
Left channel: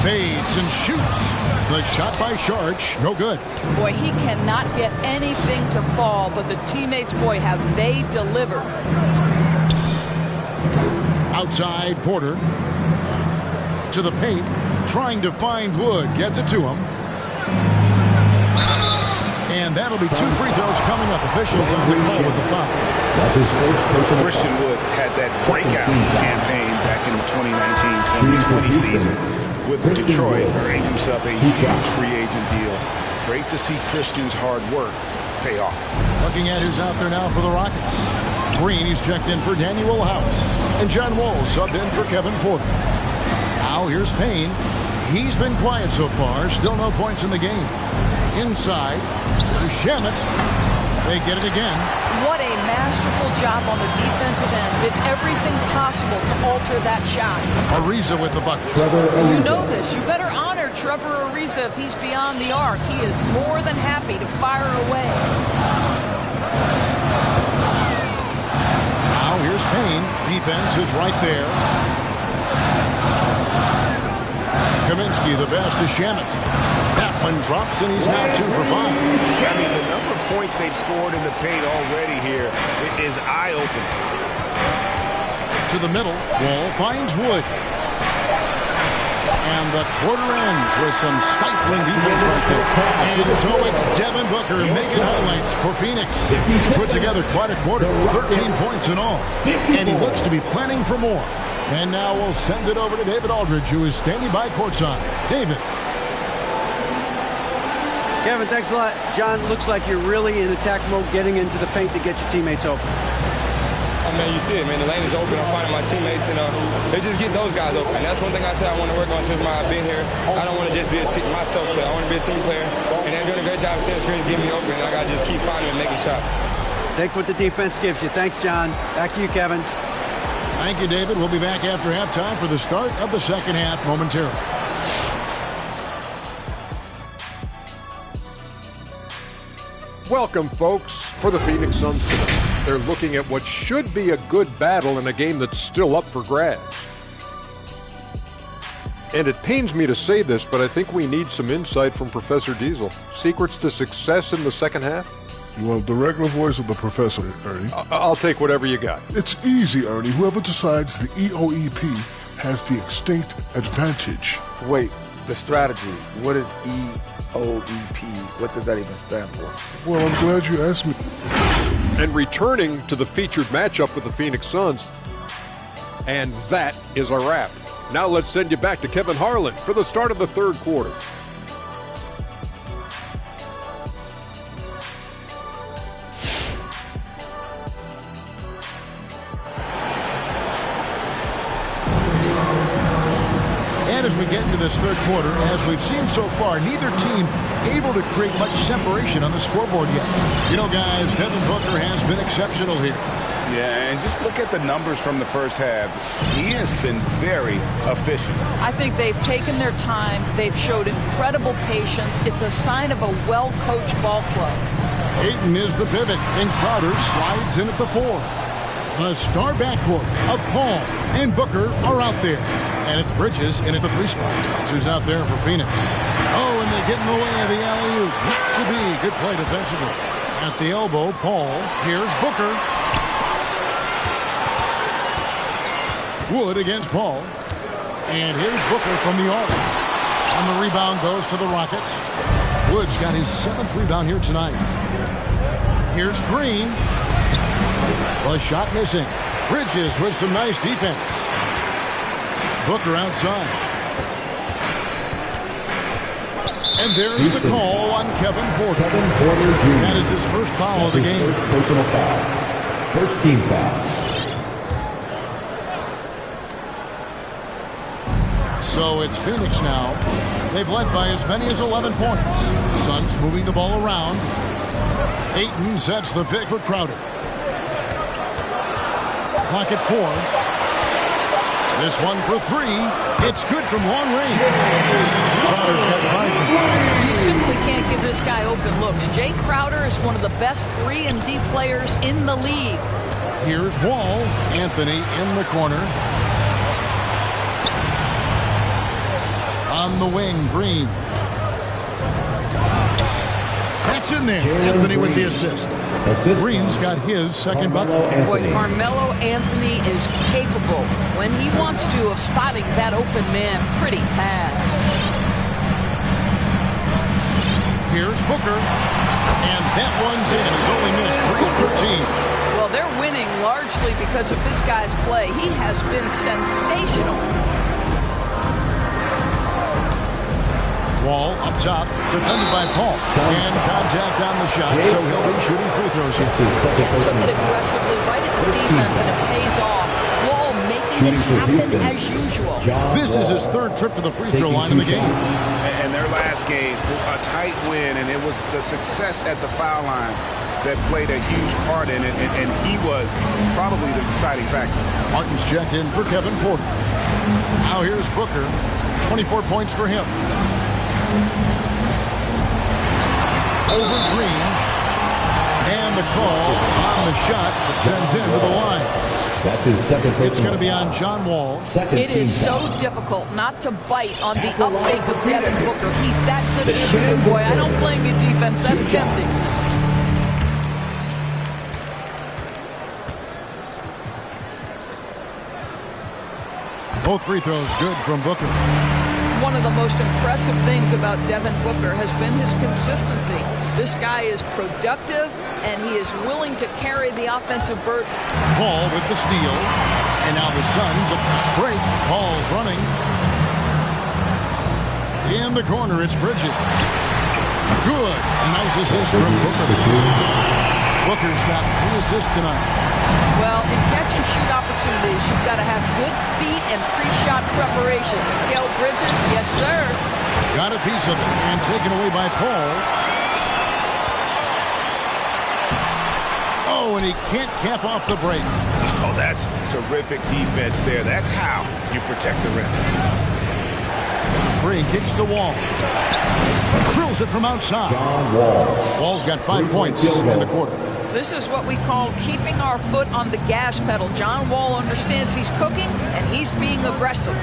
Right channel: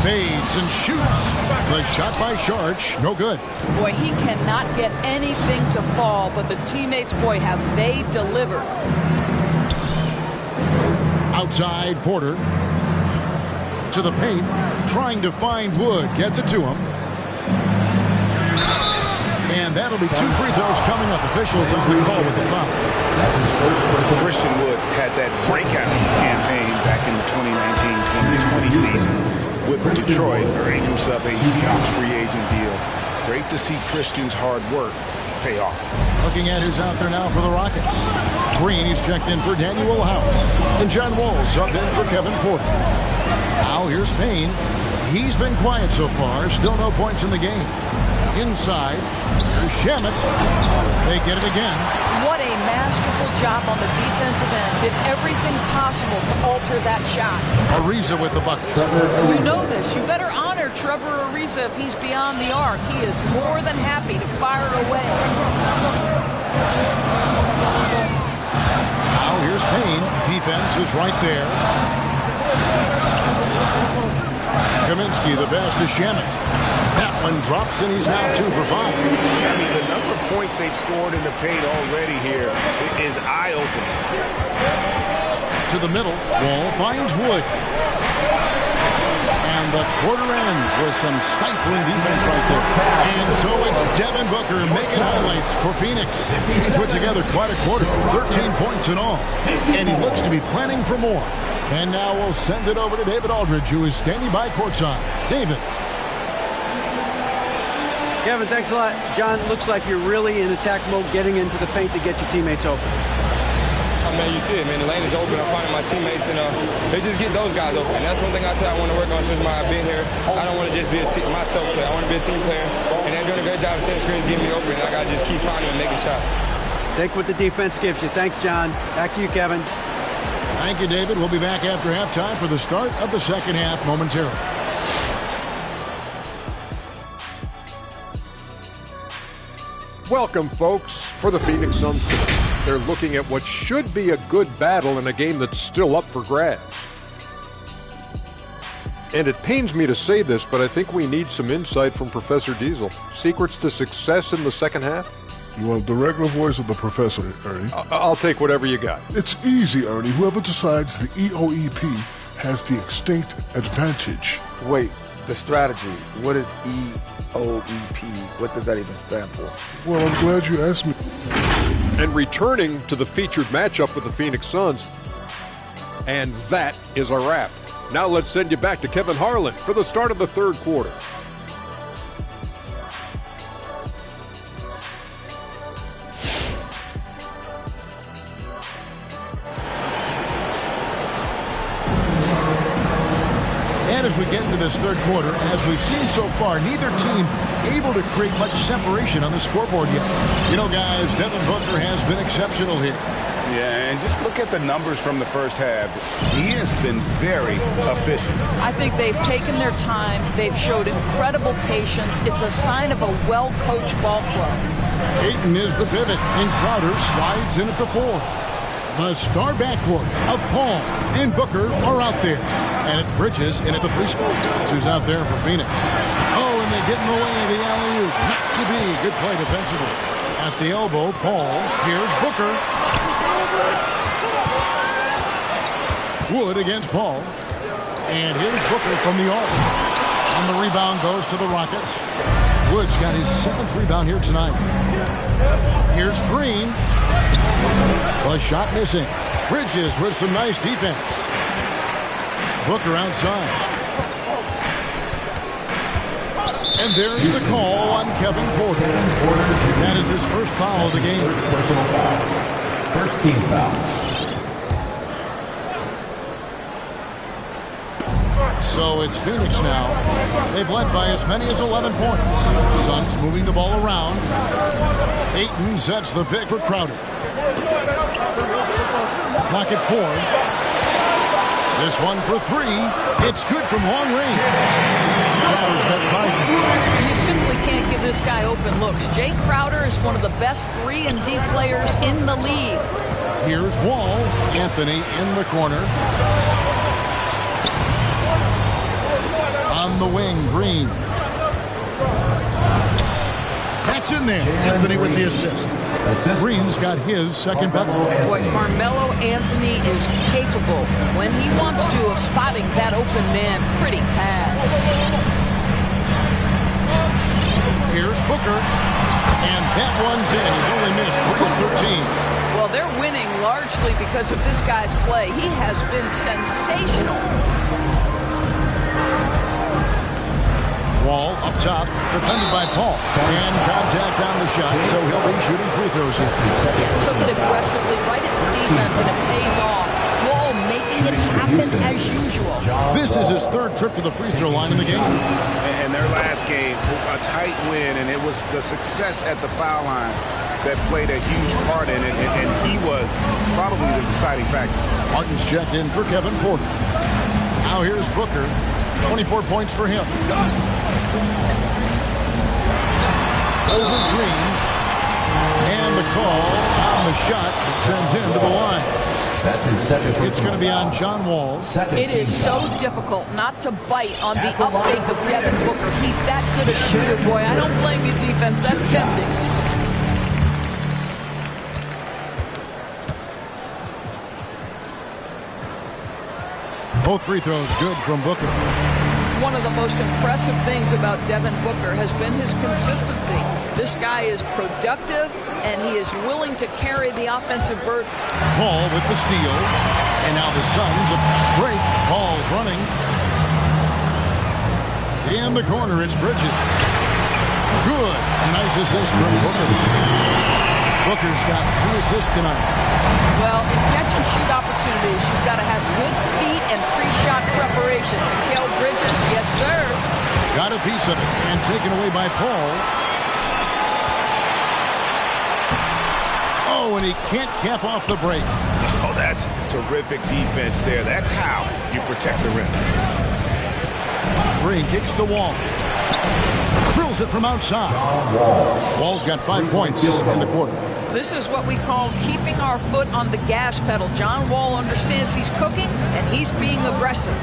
Fades and shoots. The shot by Sharch, no good. Boy, he cannot get anything to fall, but the teammates, boy, have they delivered. Outside, Porter. To the paint, trying to find Wood, gets it to him. And that'll be 2 free throws coming up. Officials on the call with the foul. That's his first personal. Christian Wood had that breakout campaign back in the 2019-2020 season with Detroit, earning himself a huge free agent deal. Great to see Christian's hard work pay off. Looking at who's out there now for the Rockets. Green, he's checked in for Daniel House. And John Wall subbed in for Kevin Porter. Now here's Payne. He's been quiet so far. Still no points in the game. Inside, here's Shamet. They get it again. What a masterful job on the defensive end. Did everything possible to alter that shot. Ariza with the bucket. You know this. You better honor Trevor Ariza if he's beyond the arc. He is more than happy to fire away. Now here's Payne. Defense is right there. Kaminsky, the pass to Shamet. That one drops, and he's now 2 for 5. I mean, the number of points they've scored in the paint already here is eye-opening. To the middle, Wall finds Wood. And the quarter ends with some stifling defense right there. And so it's Devin Booker making highlights for Phoenix. He put together quite a quarter, 13 points in all. And he looks to be planning for more. And now we'll send it over to David Aldridge, who is standing by courtside. David. Kevin, thanks a lot. John, looks like you're really in attack mode, getting into the paint to get your teammates open. Oh, man, you see it, man. The lane is open. I'm finding my teammates, and they just get those guys open. That's one thing I said I want to work on since I've been here. I don't want to just be a myself player. I want to be a team player, and they're doing a great job of setting screens, getting me open. I got to just keep finding and making shots. Take what the defense gives you. Thanks, John. Back to you, Kevin. Thank you, David. We'll be back after halftime for the start of the second half momentarily. Welcome, folks, for the Phoenix Suns tonight. They're looking at what should be a good battle in a game that's still up for grabs. And it pains me to say this, but I think we need some insight from Professor Diesel. Secrets to success in the second half? You want the regular voice of the professor, Ernie? I'll take whatever you got. It's easy, Ernie. Whoever decides the EOEP has the extinct advantage. Wait, the strategy. What is EOEP? What does that even stand for? Well, I'm glad you asked me. And returning to the featured matchup with the Phoenix Suns. And that is a wrap. Now let's send you back to Kevin Harlan for the start of the third quarter. And as we get into this third quarter, as we've seen so far, neither team able to create much separation on the scoreboard yet. You know, guys, Devin Booker has been exceptional here. Yeah, and just look at the numbers from the first half. He has been very efficient. I think they've taken their time. They've showed incredible patience. It's a sign of a well-coached ball club. Ayton is the pivot, and Crowder slides in at the 4. The star backcourt of Paul and Booker are out there. And it's Bridges in at the 3 spot. That's who's out there for Phoenix. Oh, and they get in the way of the alley-oop. Not to be. Good play defensively. At the elbow, Paul. Here's Booker. Wood against Paul. And here's Booker from the arc. And the rebound goes to the Rockets. Wood's got his 7th rebound here tonight. Here's Green. The shot missing. Bridges with some nice defense. Booker outside. And there's the call on Kevin Porter. That is his first foul of the game. First personal foul. First team foul. So it's Phoenix now. They've led by as many as 11 points. Suns moving the ball around. Ayton sets the pick for Crowder. Clock at 4. This one for 3. It's good from long range. Crowder's got 5. You simply can't give this guy open looks. Jay Crowder is one of the best 3 and D players in the league. Here's Wall. Anthony in the corner. On the wing, Green. That's in there. Anthony with the assist. Green's got his second bucket. Boy, Carmelo Anthony is capable, when he wants to, of spotting that open man. Pretty pass. Here's Booker. And that one's in. He's only missed 3 of 13. Well, they're winning largely because of this guy's play. He has been sensational. Wall up top, defended by Paul. And contact on the shot, so he'll be shooting free throws here. Yeah, took it aggressively right at the defense, and it pays off. Wall making it happen as usual. This is his 3rd trip to the free throw line in the game. And their last game, a tight win, and it was the success at the foul line that played a huge part in it, and he was probably the deciding factor. Martin's checked in for Kevin Porter. Now here's Booker. 24 points for him. Over Green. And the call on the shot that sends him to the line. That's his second. It's going to be on John Wall. It is so difficult not to bite on the up fake of Devin Booker. He's that good a shooter, boy. I don't blame you, defense. That's tempting. Both free throws good from Booker. One of the most impressive things about Devin Booker has been his consistency. This guy is productive, and he is willing to carry the offensive burden. Paul with the steal. And now the Suns, a fast break. Paul's running. In the corner, it's Bridges. Good. A nice assist from Booker. Booker's got 3 assists tonight. Well, in catch-and-shoot opportunities, you've got to have good feet and pre-shot preparation. Mikal Bridges, yes, sir. Got a piece of it, and taken away by Paul. Oh, and he can't cap off the break. Oh, that's terrific defense there. That's how you protect the rim. Green kicks to Wall. Drills it from outside. John Wall. Wall's got 5 points in the quarter. This is what we call keeping our foot on the gas pedal. John Wall understands he's cooking, and he's being aggressive.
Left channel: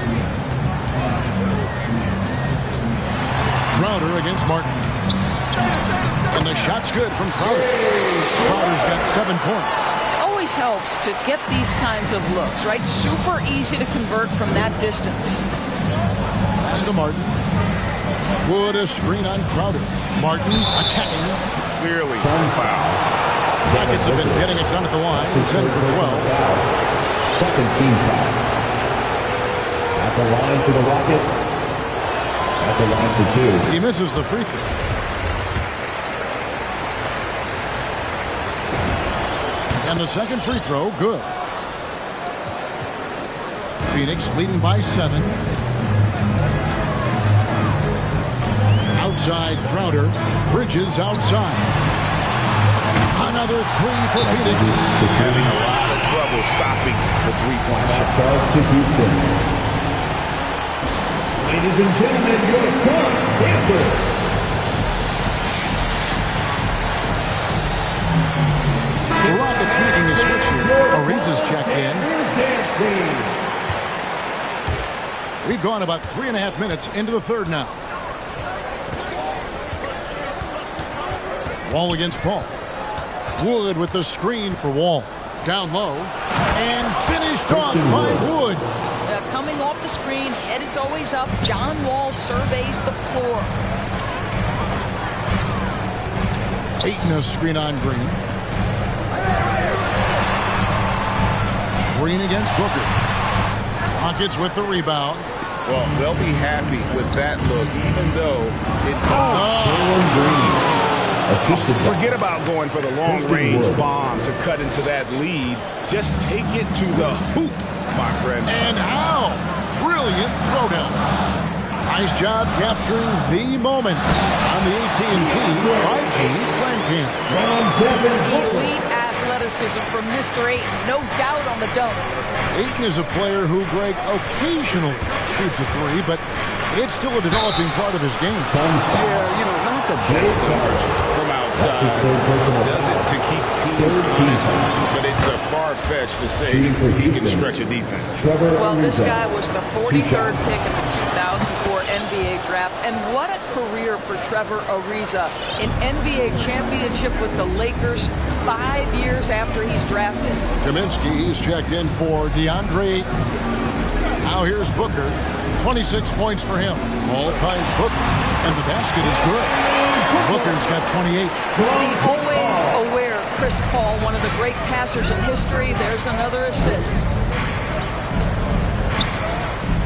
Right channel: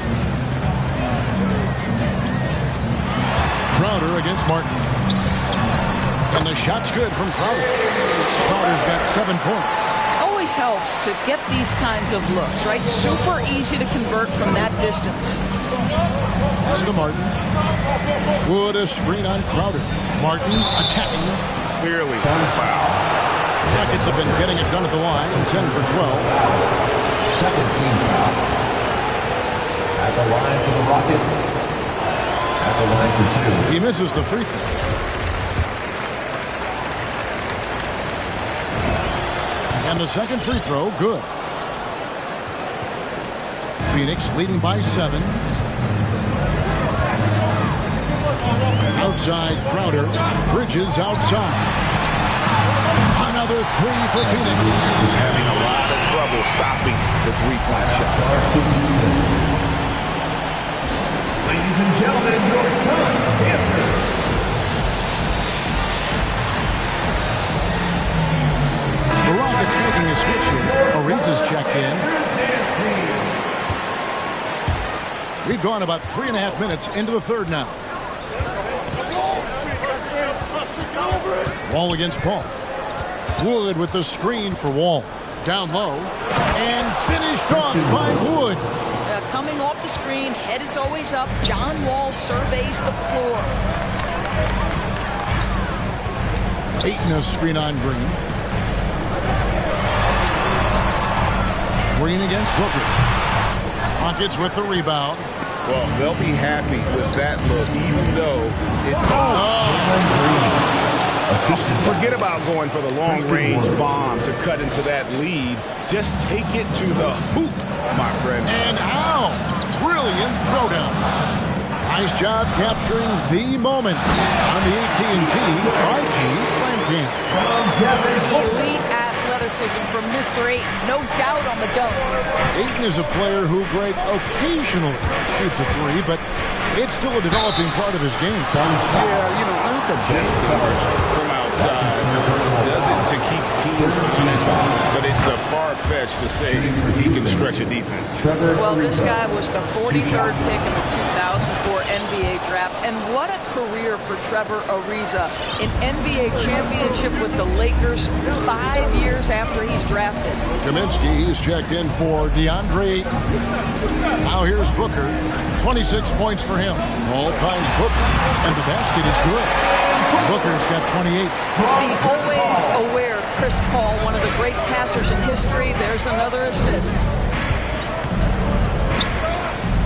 Crowder against Martin. And the shot's good from Crowder. Crowder's got 7 points. It always helps to get these kinds of looks, right? Super easy to convert from that distance. Pass to Martin. Wood a screen on Crowder. Martin attacking. Clearly a foul. Rockets have been getting it done at the line. 10 for 12. Second team foul. At the line for the Rockets. At the line for 2. He misses the free throw. And the second free throw, good. Phoenix leading by 7. Outside Crowder. Bridges outside. Another 3 for Phoenix. Having a lot of trouble stopping the 3-point shot. Ladies and gentlemen, your Suns dancers. The Rockets Hornets making a switch here. Ariza's checked in. We've gone about 3.5 minutes into the third now. Wall against Paul. Wood with the screen for Wall. Down low. And finished off by Wood. Coming off the screen, head is always up. John Wall surveys the floor. Ayton a screen on Green. Green against Booker. Rockets with the rebound. Well, they'll be happy with that look, even though it... Forget about going for the long-range bomb to cut into that lead. Just take it to the hoop, my friend. And how? Brilliant throwdown. Nice job capturing the moment on the AT&T 5G Slam Cam. Elite athleticism from Mr. Ayton. No doubt on the dunk. Ayton is a player who, Greg, occasionally shoots a three, but it's still a developing part of his game. Yeah, you know, not the best numbers from outside. Does it to keep teams honest, but it's a far-fetched to say he can stretch a defense. Well, this guy was the 43rd pick in the 2004 NBA draft, and what a career for Trevor Ariza. An NBA championship with the Lakers 5 years after he's drafted. Kaminsky, he's checked in for DeAndre Ayton. Now here's Booker. 26 points for him. Ball finds Booker, and the basket is good. Booker's got 28. The always aware Chris Paul, one of the great passers in history. There's another assist.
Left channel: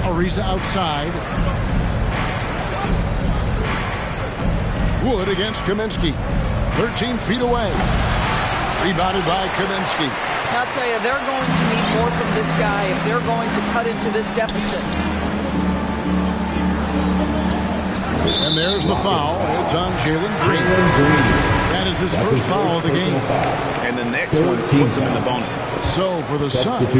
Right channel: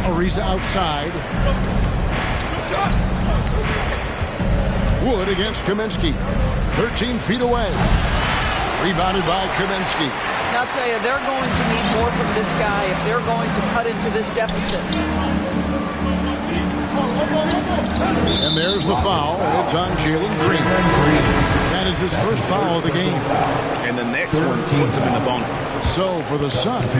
Ariza outside. Wood against Kaminsky. 13 feet away. Rebounded by Kaminsky. Now, I'll tell you, they're going to need more from this guy if they're going to cut into this deficit. And there's the foul. It's on Jalen Green. That is his first foul of the game. And the next one puts him in the bonus. So for the Suns,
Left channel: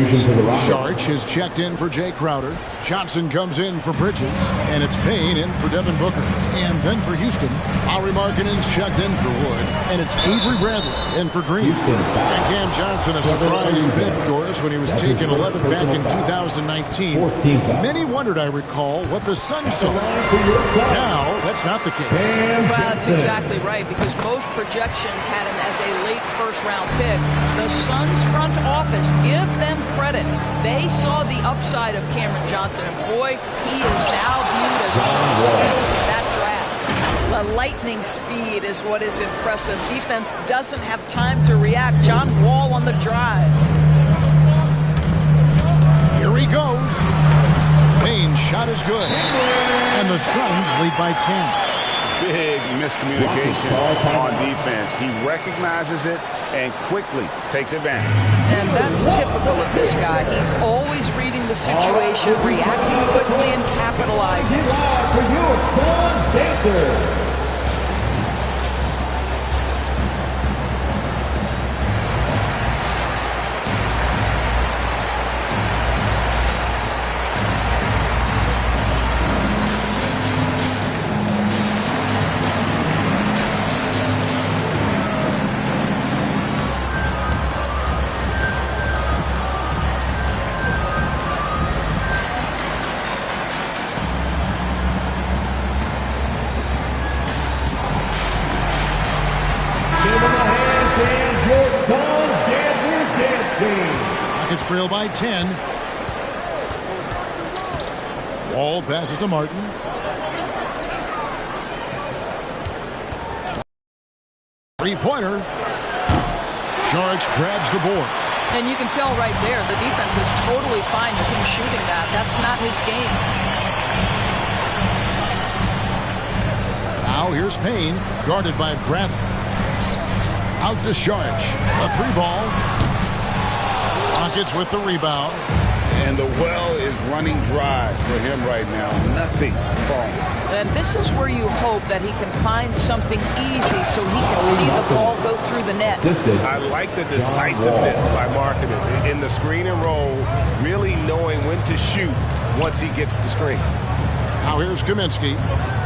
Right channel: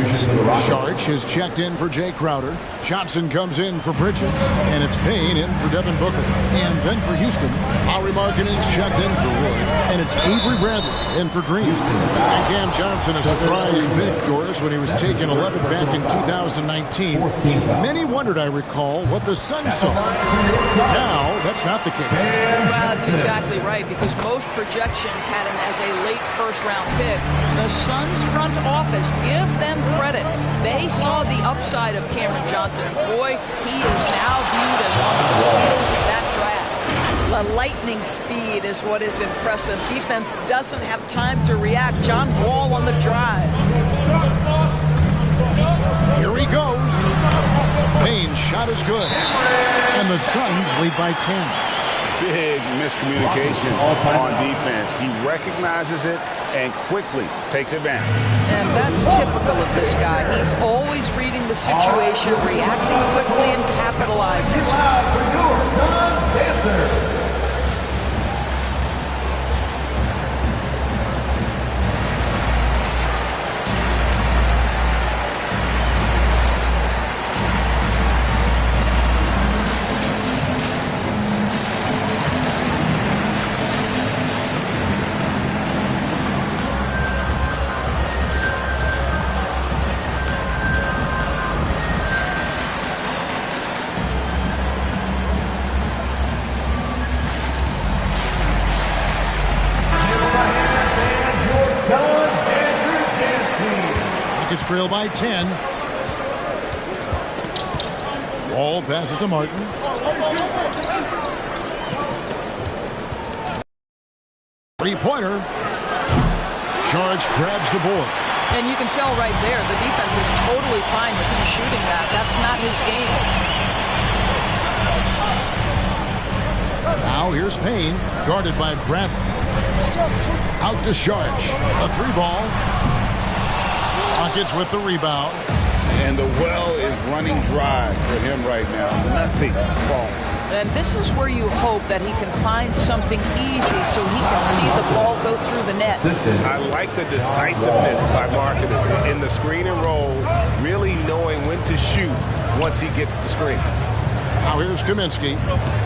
Sharch has checked in for Jay Crowder. Johnson comes in for Bridges. And it's Payne in for Devin Booker. And then for Houston, Lauri Markkanen's checked in for Wood. And it's Avery Bradley in for Green. And Cam Johnson, a surprise pick, Doris, when he was taken 11th back in 2019. Many wondered, I recall, what the Suns saw. Now, that's not the case. Well, that's exactly right, because most projections had him as a late first-round pick. The Suns front office, give them credit. They saw the upside of Cameron Johnson, and boy, he is now viewed as one of the steals of that draft. The lightning speed is what is impressive. Defense doesn't have time to react. John Wall on the drive. Here he goes. Payne's shot is good. And the Suns lead by 10. Big miscommunication on defense. He recognizes it and quickly takes advantage. And that's typical of this guy. He's always reading the situation, reacting quickly, and capitalizing. Loud for your Suns dancers. Trail by 10. Wall passes to Martin. Three-pointer. Sharch grabs the board. And you can tell right there, the defense is totally fine with him shooting that. That's not his game. Now here's Payne, guarded by Bradley. Out to Sharch. A three ball. Rockets with the rebound. And the well is running dry for him right now. Nothing falling. And this is where you hope that he can find something easy so he can see the ball go through the net. I like the decisiveness by Markkanen in the screen and roll, really knowing when to shoot once he gets the screen. Now here's Kaminsky.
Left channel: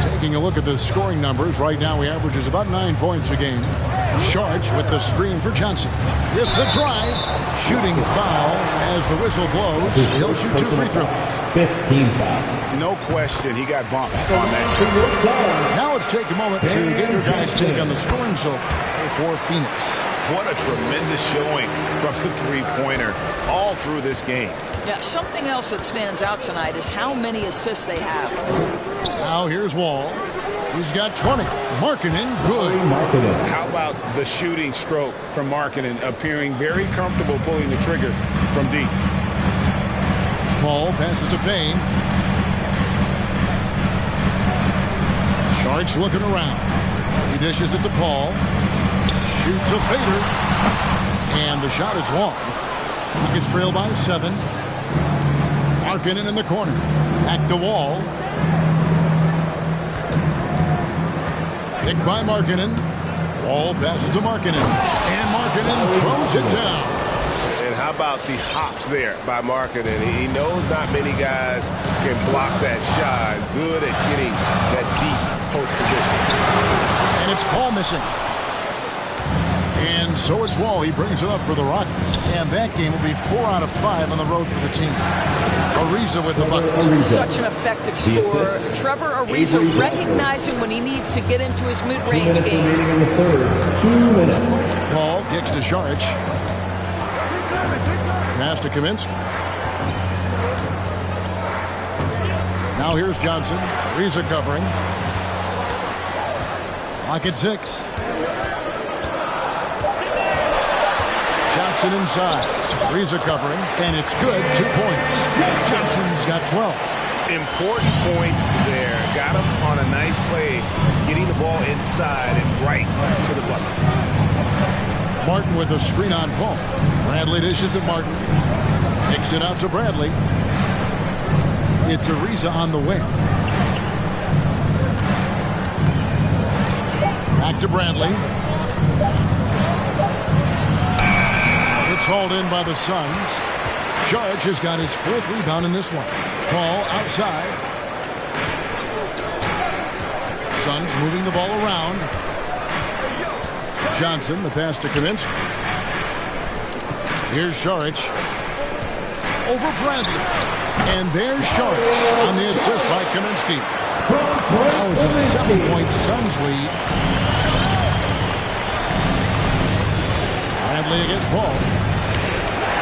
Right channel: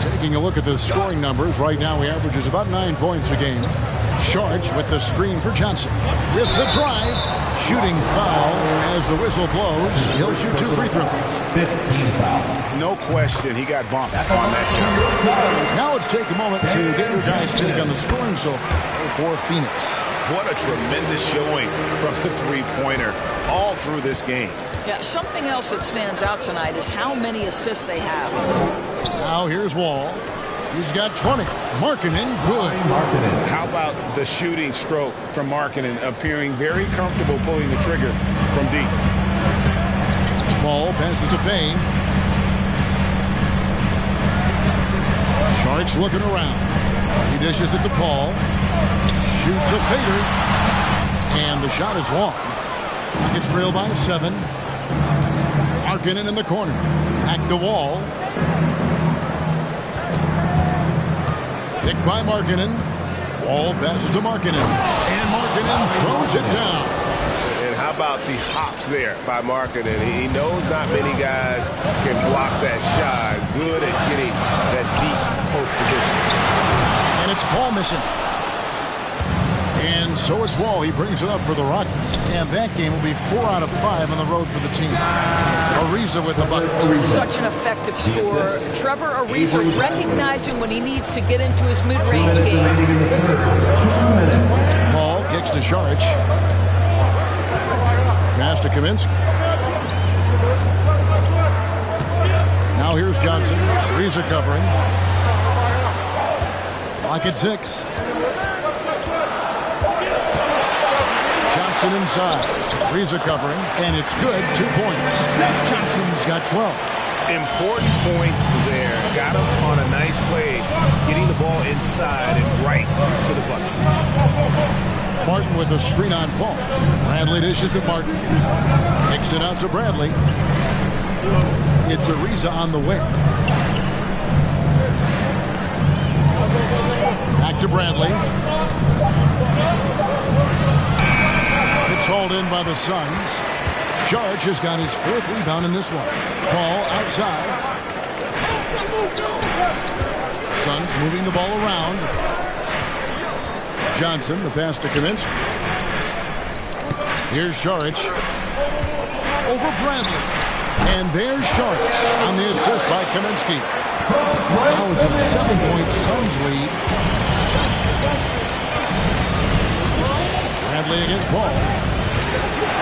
Taking a look at the scoring numbers. Right now he averages about 9 points a game. Sharch with the screen for Johnson. With the drive, shooting foul as the whistle blows. He'll shoot 2 free throws. 15 foul. No question, he got bumped on that shot. Now let's take a moment to get your guys' take on the scoring so far for Phoenix. What a tremendous showing from the three-pointer all through this game. Yeah, something else that stands out tonight is how many assists they have. Now here's Wall. He's got 20. Markkanen, good. How about the shooting stroke from Markkanen, appearing very comfortable pulling the trigger from deep. Paul passes to Payne. Sharch looking around. He dishes it to Paul. Shoots a fader. And the shot is long. Rockets trail by 7. Markkanen in the corner. Back to Wall. Picked by Markkanen. Wall passes to Markkanen. And Markkanen throws it down. And how about the hops there by Markkanen? He knows not many guys can block that shot. Good at getting that deep post position. And it's Paul missing. And so it's Wall. He brings it up for the Rockets. And that game will be 4 out of 5 on the road for the team. Ariza with the bucket. Such an effective scorer. Trevor Ariza recognizing when he needs to get into his mid-range game. In the third. 2 minutes. Paul kicks to Sharch. Pass to Kaminsky. Now here's Johnson. Ariza covering. Clock at 6. Johnson inside. Ariza covering, and it's good. 2 points. Johnson's got 12. Important points there. Got him on a nice play, getting the ball inside and right to the bucket. Martin with a screen on Paul. Bradley dishes to Martin. Kicks it out to Bradley. It's Ariza on the wing. Back to Bradley. It's hauled in by the Suns. Sharch has got his 4th rebound in this one. Paul outside. Suns moving the ball around. Johnson, the pass to Kaminsky. Here's Sharch. Over Bradley. And there's Sharch on the assist by Kaminsky. Now it's a 7-point Suns lead. Bradley against Paul.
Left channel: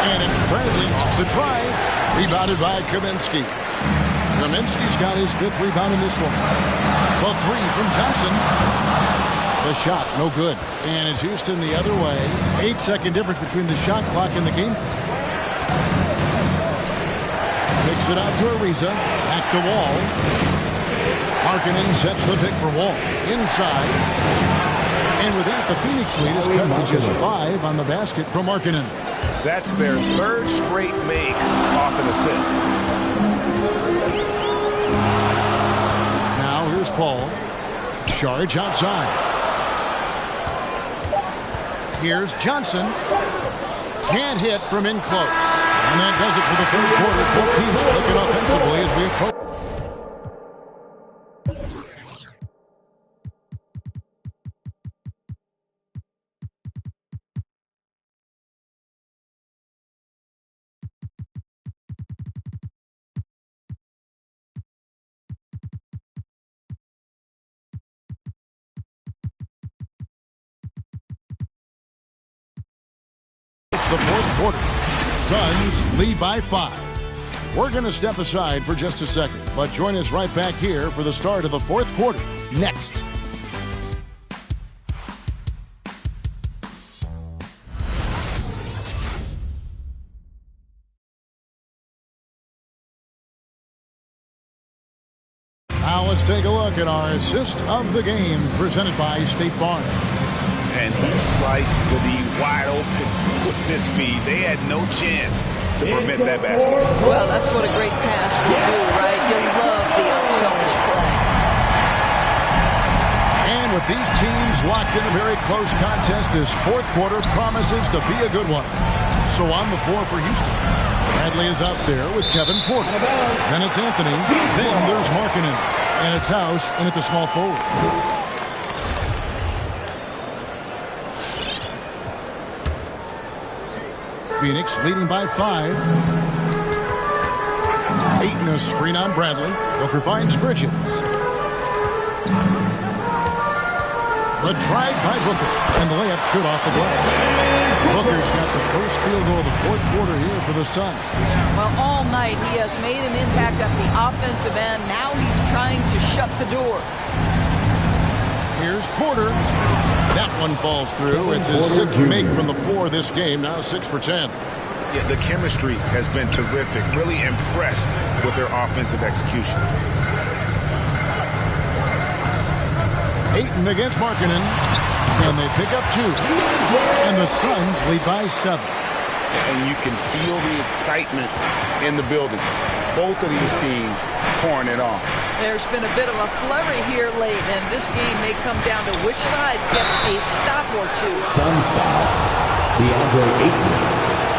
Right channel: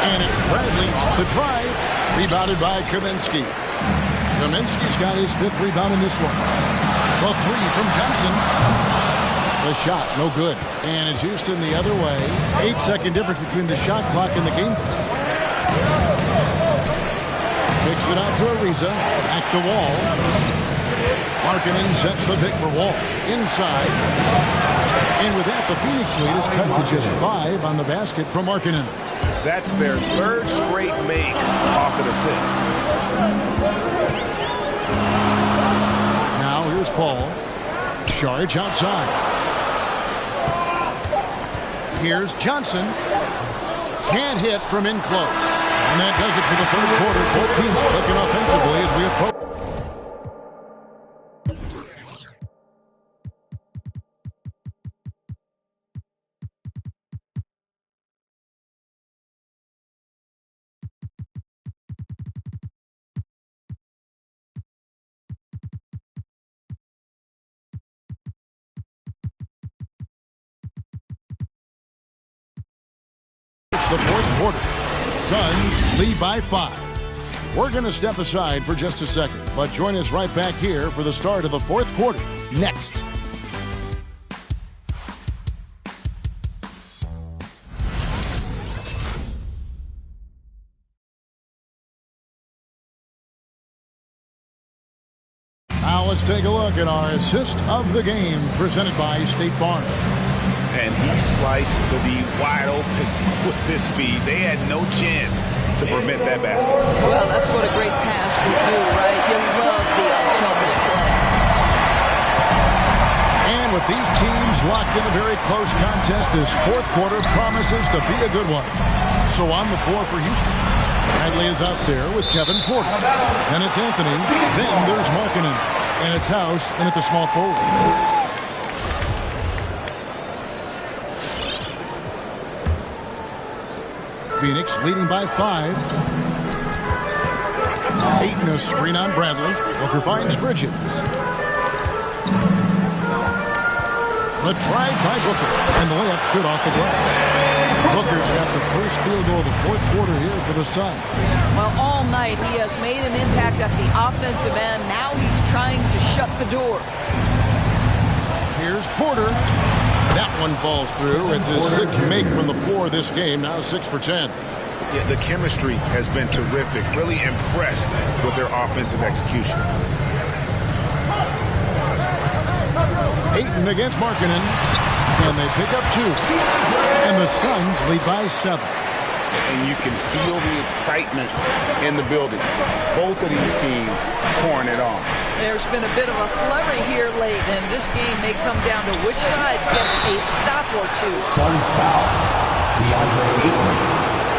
And it's Bradley off the drive. Rebounded by Kaminsky. Kaminsky's got his 5th rebound in this one. The 3 from Johnson. The shot, no good. And it's Houston the other way. 8-second difference between the shot clock and the game clock. Picks it out to Ariza. Back to Wall. Markkanen sets the pick for Wall. Inside. And with that, the Phoenix lead is cut to just 5 on the basket from Markkanen. That's their 3rd straight make off an assist. Now here's Paul. Sharch outside. Here's Johnson. Can't hit from in close. And that does it for the 3rd quarter. Both teams clicking offensively as we approach. It's the 4th quarter. Suns lead by 5. We're going to step aside for just a second, but join us right back here for the start of the 4th quarter. Next. Now let's take a look at our assist of the game presented by State Farm. And he sliced the D wide open with this feed. They had no chance to prevent that basket. Well, that's what a great pass will do, right? You love the unselfish play. And with these teams locked in a very close contest, this 4th quarter promises to be a good one. So on the floor for Houston, Bradley is out there with Kevin Porter. Then it's Anthony. Then there's Markkanen. And it's House in at the small forward. Phoenix leading by 5. Ayton a screen on Bradley. Booker finds Bridges. The drive by Booker, and the layup's good off the glass. Booker's got the first field goal of the fourth quarter here for the Suns. Well, all night he has made an impact at the offensive end. Now he's trying to shut the door. Here's Porter. That one falls through. It's his 6th make from the floor this game. Now 6 for 10. Yeah, the chemistry has been terrific. Really impressed with their offensive execution. Ayton against Markkanen. And they pick up 2. And the Suns lead by 7. And you can feel the excitement in the building. Both of these teams pouring it on. There's been a bit of a flurry here late, and this game may come down to which side gets a stop or two. Suns foul. DeAndre Ayton.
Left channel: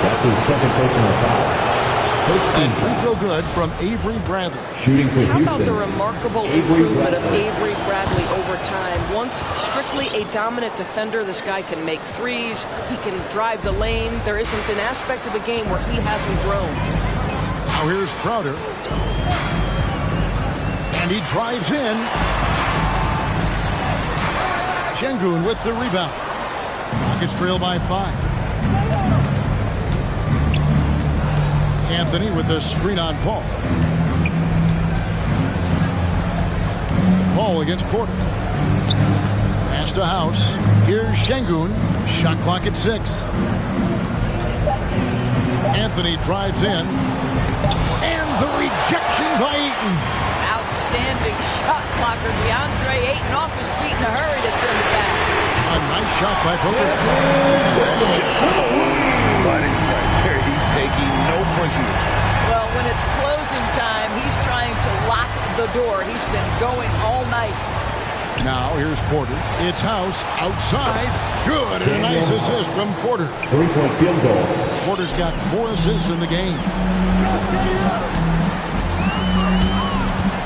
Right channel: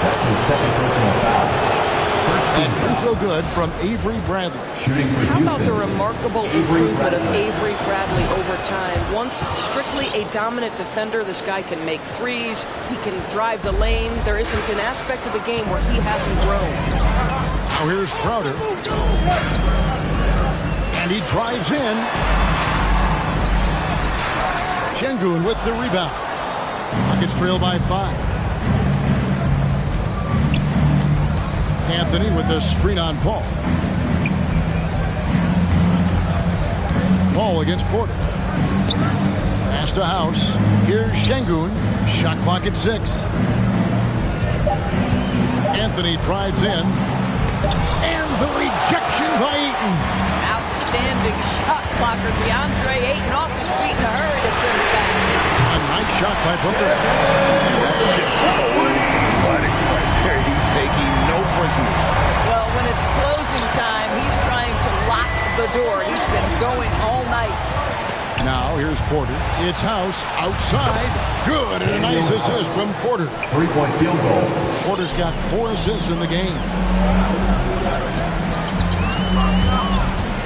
That's his second personal foul. And free throw good from Avery Bradley. Shooting for How Houston. about the remarkable improvement of Avery Bradley over time? Once strictly a dominant defender, this guy can make threes. He can drive the lane. There isn't an aspect of the game where he hasn't grown. Now here's Crowder. And he drives in. Şengün with the rebound. Rockets trail by 5. Anthony with the screen on Paul. Paul against Porter. Pass to House. Here's Şengün. Shot clock at 6. Anthony drives in. And the rejection by Ayton. Outstanding shot blocker. DeAndre Ayton off his feet in a hurry to send it back. A nice shot by Booker. That's just cold-blooded right there. He's taking no prisoners. Well, when it's closing time, he's trying to lock the door. He's been going all night. Now here's Porter. It's House outside. Good, and a nice assist from Porter. 3-point field goal. Porter's got 4 assists in the game.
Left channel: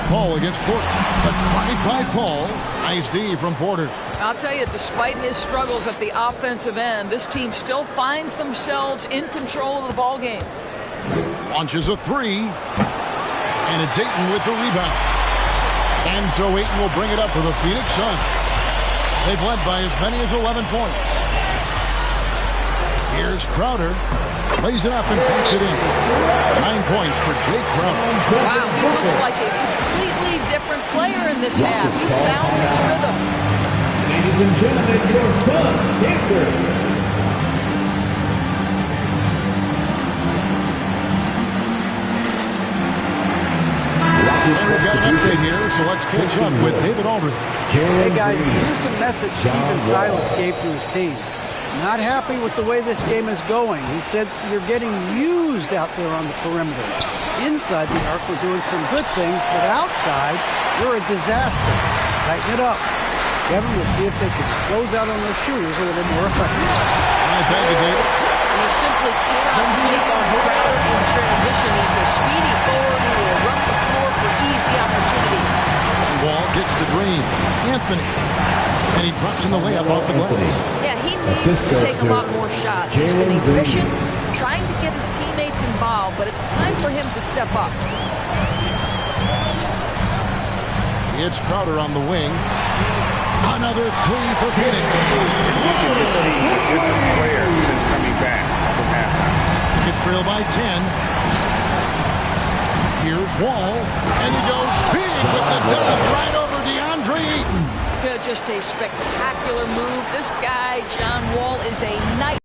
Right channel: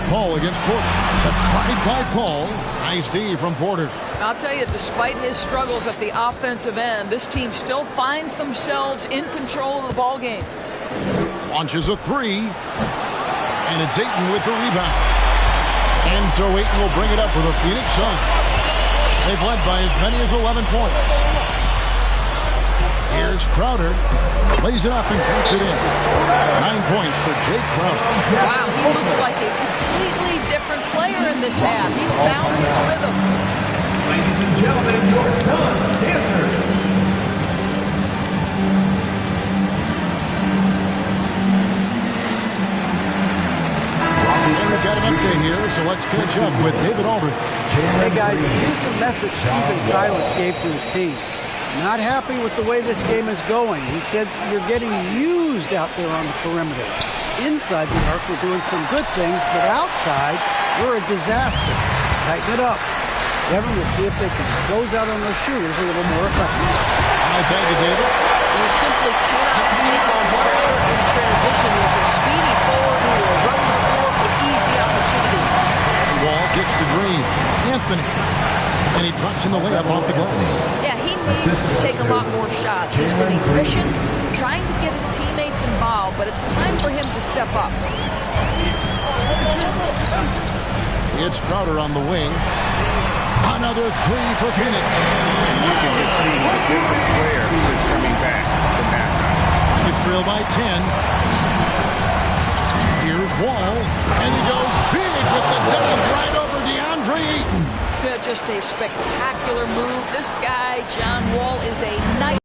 Paul against Porter. The drive by Paul. Nice D from Porter. I'll tell you, despite his struggles at the offensive end, this team still finds themselves in control of the ball game. Launches a 3. And it's Ayton with the rebound. And so Ayton will bring it up for the Phoenix Suns. They've led by as many as 11 points. Here's Crowder. Plays it up and banks it in. 9 points for Jay Crowder. Wow, he looks like a completely different player in this half. He's found his rhythm. Ladies and gentlemen, your Suns dancer. And we've got an update here, so let's catch up with David Aldridge. Hey guys, here's the message Stephen Silas gave to his team. Not happy with the way this game is going. He said, you're getting used out there on the perimeter. Inside the arc, we're doing some good things, but outside, we're a disaster. Tighten it up. Kevin, we'll see if they can close out on those shooters a little more effectively. All right, thank you, David. You simply cannot sleep on Crowder in transition. He's a speedy forward who will run the floor for easy opportunities. And Wall kicks to Green. Anthony. And he drops in the layup off the glass. Yeah, he needs to take a lot more shots. He's been efficient, trying to get his teammates involved, but it's time for him to step up. It's Crowder on the wing. Another 3 for Phoenix. And you can just see he's a different player since coming back from halftime. It's trailed by 10. Here's Wall. And he goes big with the dunk right over DeAndre Ayton. Yeah, just a spectacular move. This guy, John Wall, is a nice.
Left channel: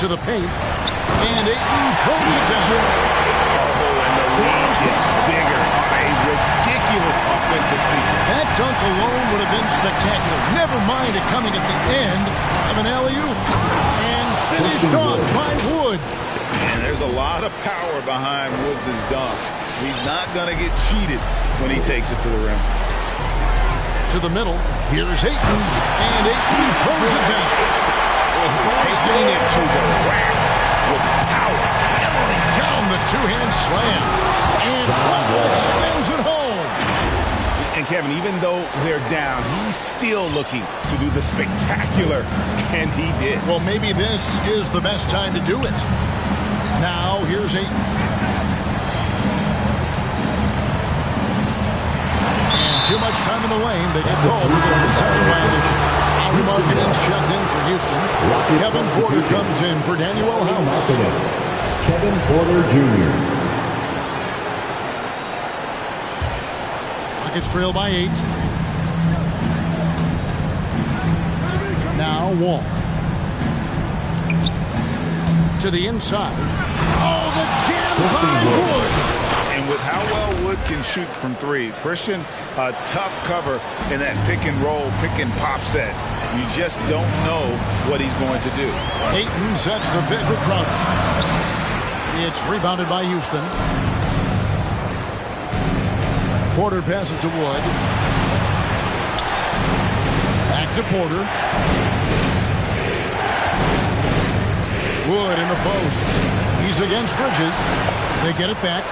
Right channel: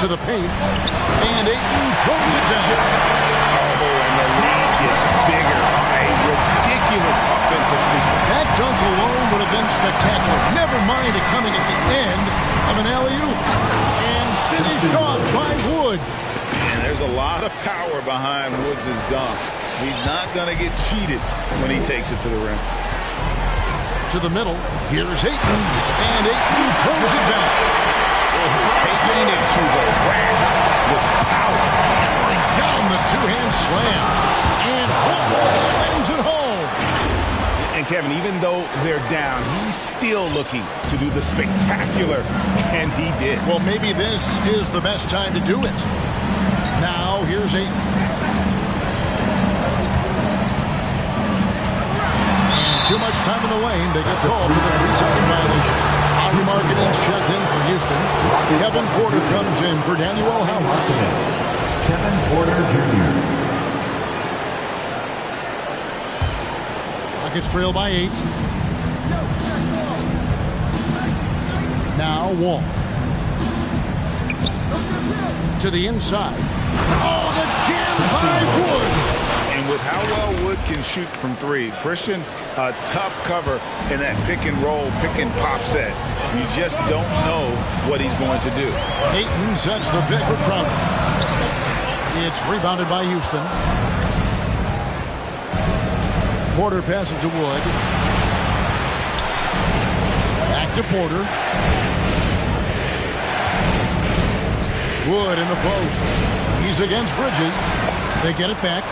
To the paint. And Ayton throws it down. Oh, and the lead gets bigger on a ridiculous offensive sequence. That dunk alone would have been spectacular. Never mind it coming at the end of an alley-oop. And finished off by Wood. And there's a lot of power behind Woods' dunk. He's not going to get cheated when he takes it to the rim. To the middle. Here's Ayton. And Ayton throws it down. Oh, taking it to the rack with power. Hammering down the two-hand slam. And Wall slams it home. And Kevin, even though they're down, he's still looking to do the spectacular, and he did. Well, maybe this is the best time to do it. Now, here's Ayton. And too much time in the lane. They get called for the 3-second violation. Henry Markkanen's checked in for Houston. Kevin Porter comes in for Daniel House. Kevin Porter Jr. Rockets trail by 8. Now Wall. To the inside. Oh, the jam by Wood. And with how well Wood can shoot from 3, Christian, a tough cover in that pick and roll, pick and pop set. You just don't know what he's going to do. Ayton sets the pick for Crowder. It's rebounded by Houston. Porter passes to Wood. Back to Porter. Wood in the post. He's against Bridges. They get it back.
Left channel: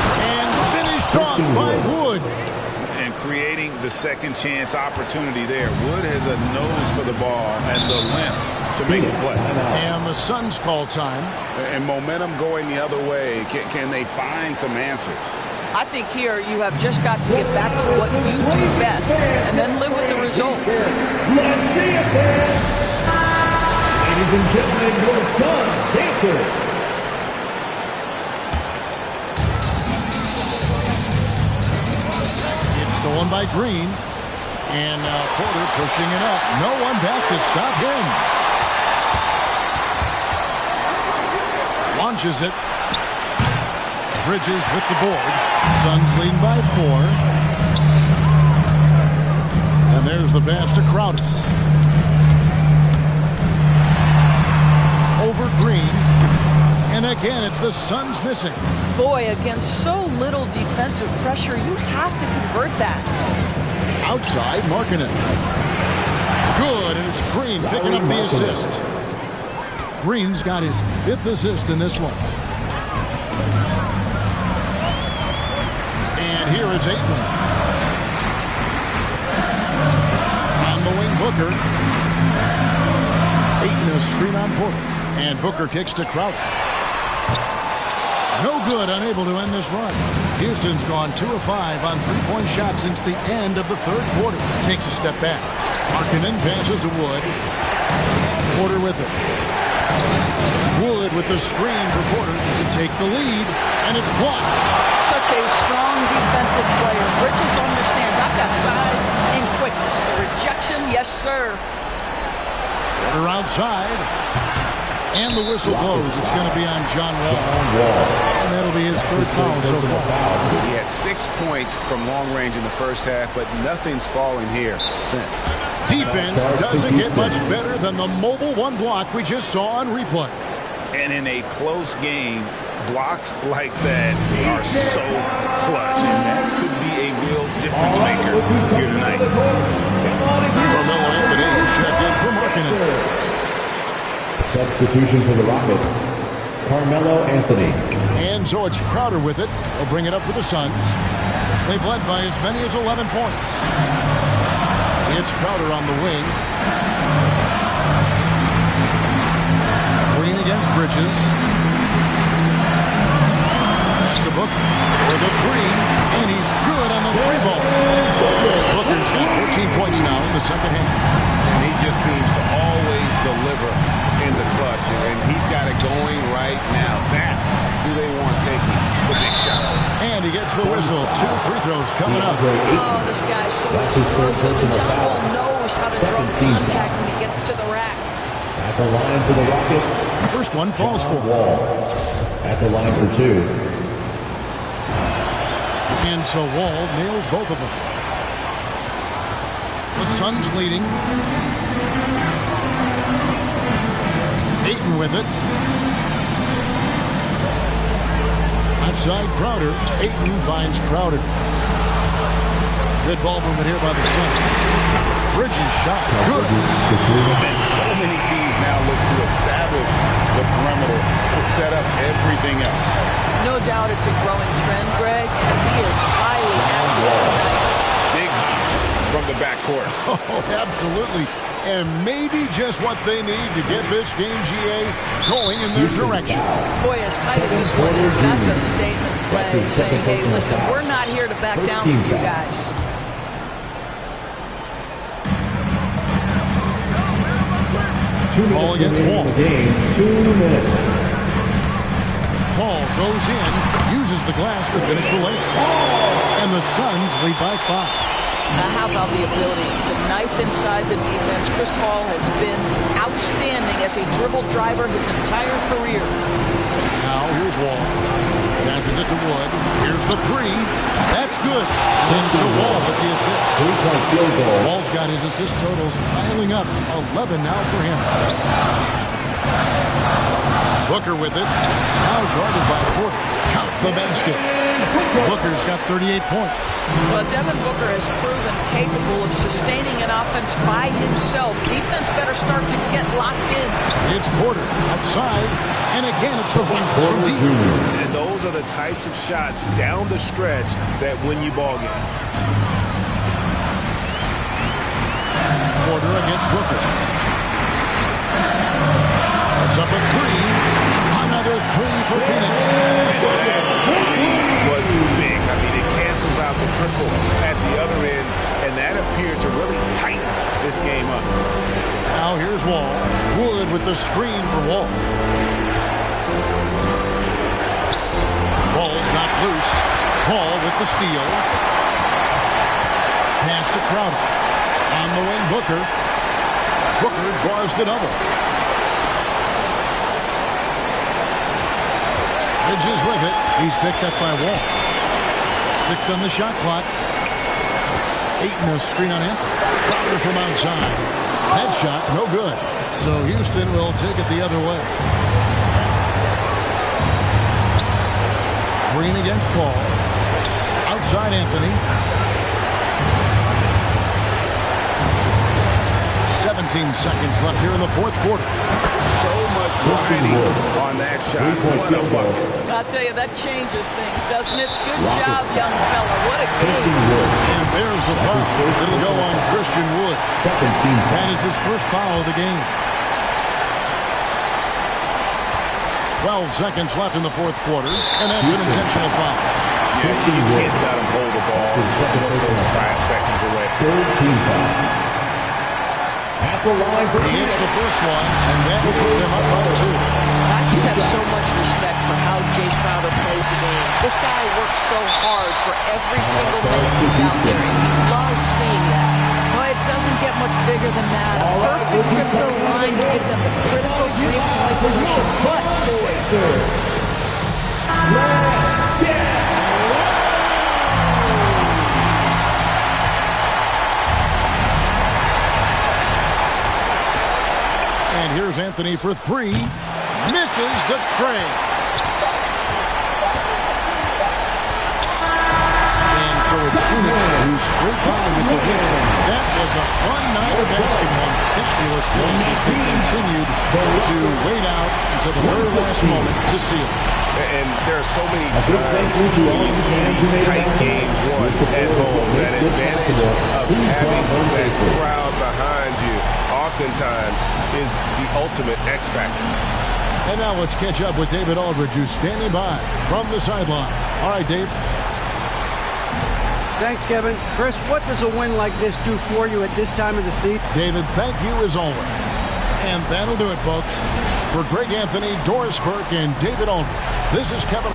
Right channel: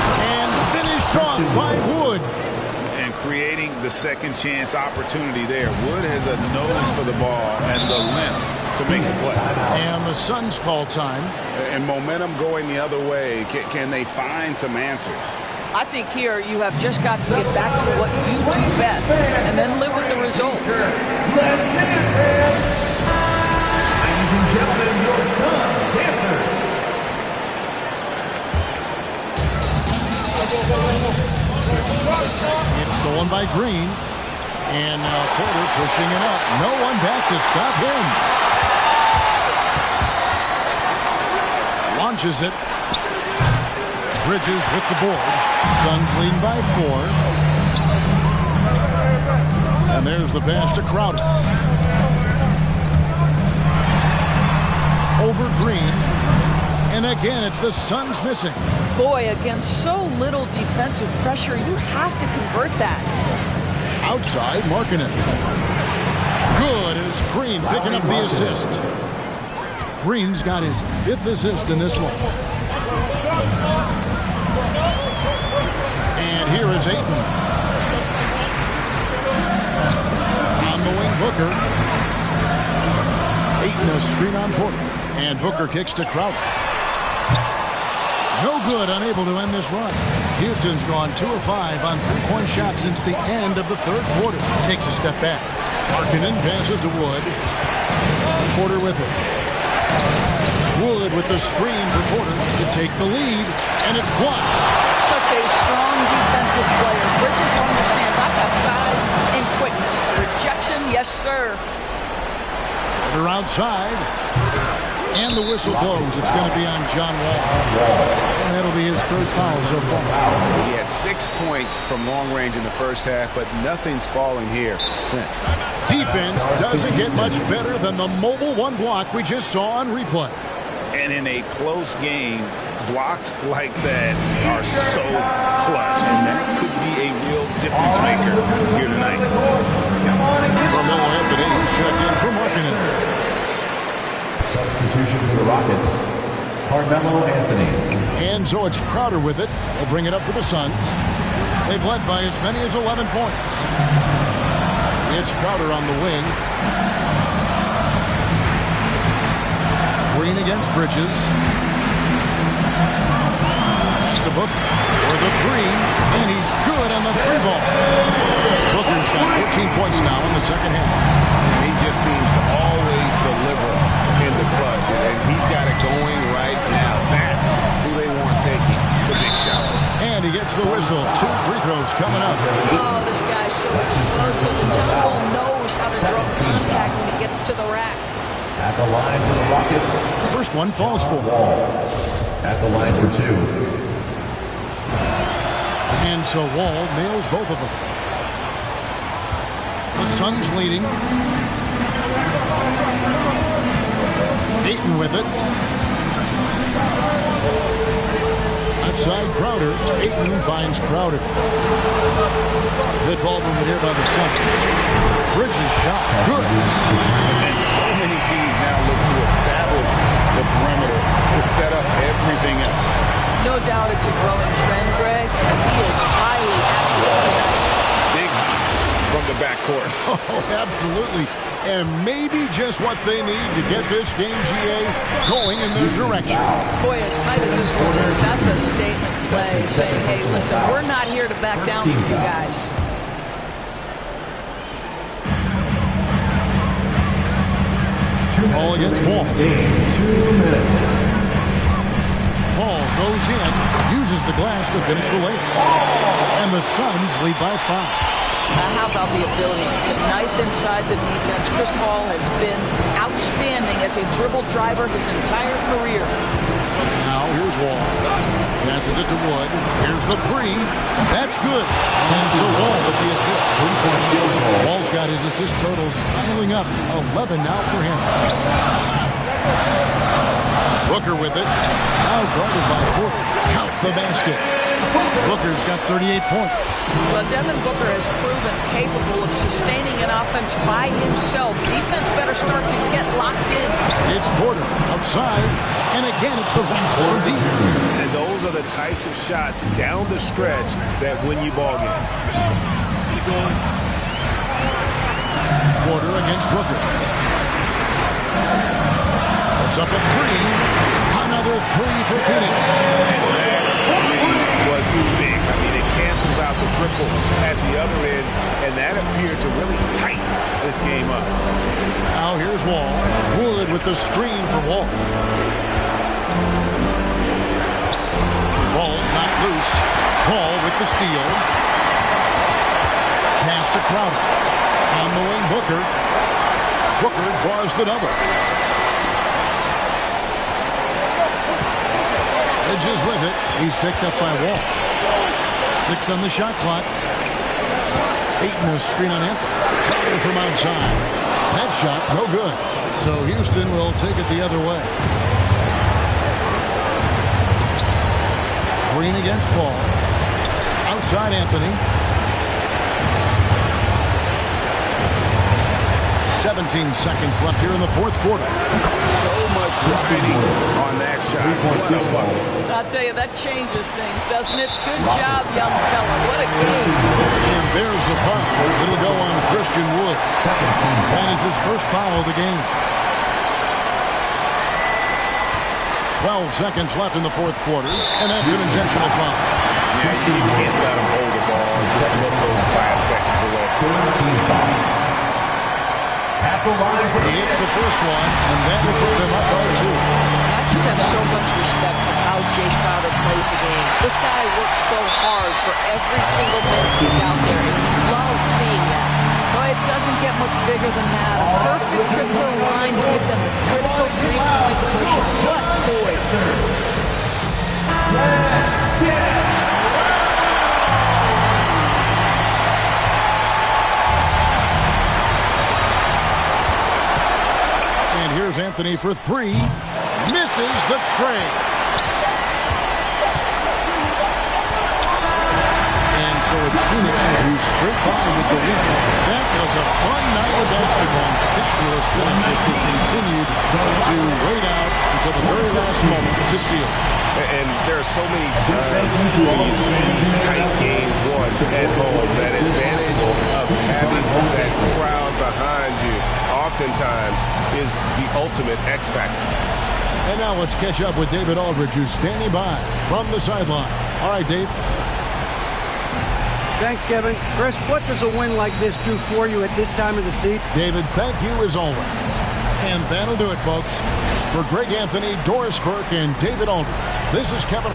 And finished off by Wood. And creating the second chance opportunity there. Wood has a nose for the ball and the length to make the play. And the Suns call time. And momentum going the other way. Can they find some answers? I think here you have just got to get back to what you do best and then live with the results. Let's see it, fans. Ladies and gentlemen, your Suns dancers. It's stolen by Green. And now Porter pushing it up. No one back to stop him. Launches it. Bridges with the board. Suns leading by 4. And there's the pass to Crowder. Over Green. And again, it's the Suns missing. Boy, against so little defensive pressure, you have to convert that. Outside, Markkanen. Good, and it's Green picking up the assist. Green's got his 5th assist in this one. And here is Ayton. On the wing, Booker. Ayton a screen on Porter. And Booker kicks to Crowder. No good, unable to end this run. Houston's gone 2 of 5 on 3-point shots since the end of the 3rd quarter. Takes a step back. Markkanen passes to Wood. Porter with it. Wood with the screen for Porter to take the lead, and it's blocked. Such a strong defensive player. Bridges understands I've got size and quickness. The rejection, yes, sir. Porter outside. And the whistle blows. It's going to be on John Wall. And that'll be his 3rd foul so far. He had 6 points from long range in the first half, but nothing's fallen here since. Defense doesn't get much better than the mobile 1 block we just saw on replay. And in a close game, blocks like that are so clutch, and that could be a real difference maker here tonight. Carmelo Anthony, who's checked in for Markkanen. Substitution for the Rockets, Carmelo Anthony. And so it's Crowder with it. He'll bring it up with the Suns. They've led by as many as 11 points. It's Crowder on the wing. Green against Bridges. Pass to Booker for the 3, and he's good on the 3 ball. Booker's got 14 points now in the second half. And he just seems to always deliver in the clutch, and he's got it going right now. That's who they want taking the big shot. And he gets the whistle. 2 free throws coming up. Oh, this guy's so explosive, and John Wall knows how to draw contact when he gets to the rack. At the line for the Rockets. First one falls for Wall. At the line for 2. And so Wall nails both of them. The Suns leading. Ayton with it. Outside Crowder. Ayton finds Crowder. Good ball movement here by the Suns. Bridges shot. Good. And so many teams now look to establish the perimeter to set up everything else. No doubt it's a growing trend, Greg, and he is highly accurate tonight. from the backcourt. Oh, absolutely. And maybe just what they need to get this game, GA, going in their direction. Boy, as tight as this one is, that's a statement play saying, hey, listen, we're not here to back down from you guys. Ball against Wall. Game, 2 minutes. Paul goes in, uses the glass to finish the layup. And the Suns lead by 5. How about the ability to knife inside the defense? Chris Paul has been outstanding as a dribble driver his entire career. Now here's Wall. Passes it to Wood. Here's the three. That's good. And so Wall with the assist. 3-point field goal. Wall's got his assist totals piling up. 11 now for him. Booker with it. Now guarded by Porter. Count the basket. Booker's got 38 points. Well, Devin Booker has proven capable of sustaining an offense by himself. Defense better start to get locked in. It's Porter outside. And again, it's the Rockets from deep. And those are the types of shots down the stretch that win you ball game. Porter against Booker. It's up a three. Another three for Phoenix. And that three was big. I mean, it cancels out the triple at the other end, and that appeared to really tighten this game up. Now here's Wall. Wood with the screen for Wall. Ball's not loose. Paul with the steal. Pass to Crowder. On the wing, Booker. Booker draws the double. Bridges with it. He's picked up by Wall. 6 on the shot clock. 8 in a screen on Anthony. Crowder from outside. That shot, no good. So Houston will take it the other way. Green against Paul. Outside Anthony. 17 seconds left here in the fourth quarter. So much riding on that shot. What a bucket. I'll tell you, that changes things, doesn't it? Good job, young fella. What a game. And there's the foul. It'll go on Christian Wood. Second team foul. That is his first foul of the game. 12 seconds left in the fourth quarter, and that's an intentional foul. Yeah, you can't let him hold the ball. Just milk those 5 seconds away. Third team foul. At the line for he hits the first one, and that will put them up by 2. I just have so much respect for how Jay Crowder plays the game. This guy works so hard for every single minute he's out there, and you love seeing that. But it doesn't get much bigger than that. A perfect trip to the line to give them the critical 3-point cushion. But, boys. Let's get And here's Anthony for 3. Misses the tray. And so it's Phoenix who's straight by with the win. That was a fun night of basketball. Fabulous finish as they continued to wait out until the very last moment to seal. And there are so many times when you see these tight games won at home, that advantage of having that crowd behind you oftentimes is the ultimate X factor. And now let's catch up with David Aldridge, who's standing by from the sideline. All right, Dave. Thanks, Kevin. Chris, what does a win like this do for you at this time of the season? David, thank you as always. And that'll do it, folks. For Greg Anthony, Doris Burke, and David Aldridge, this is Kevin.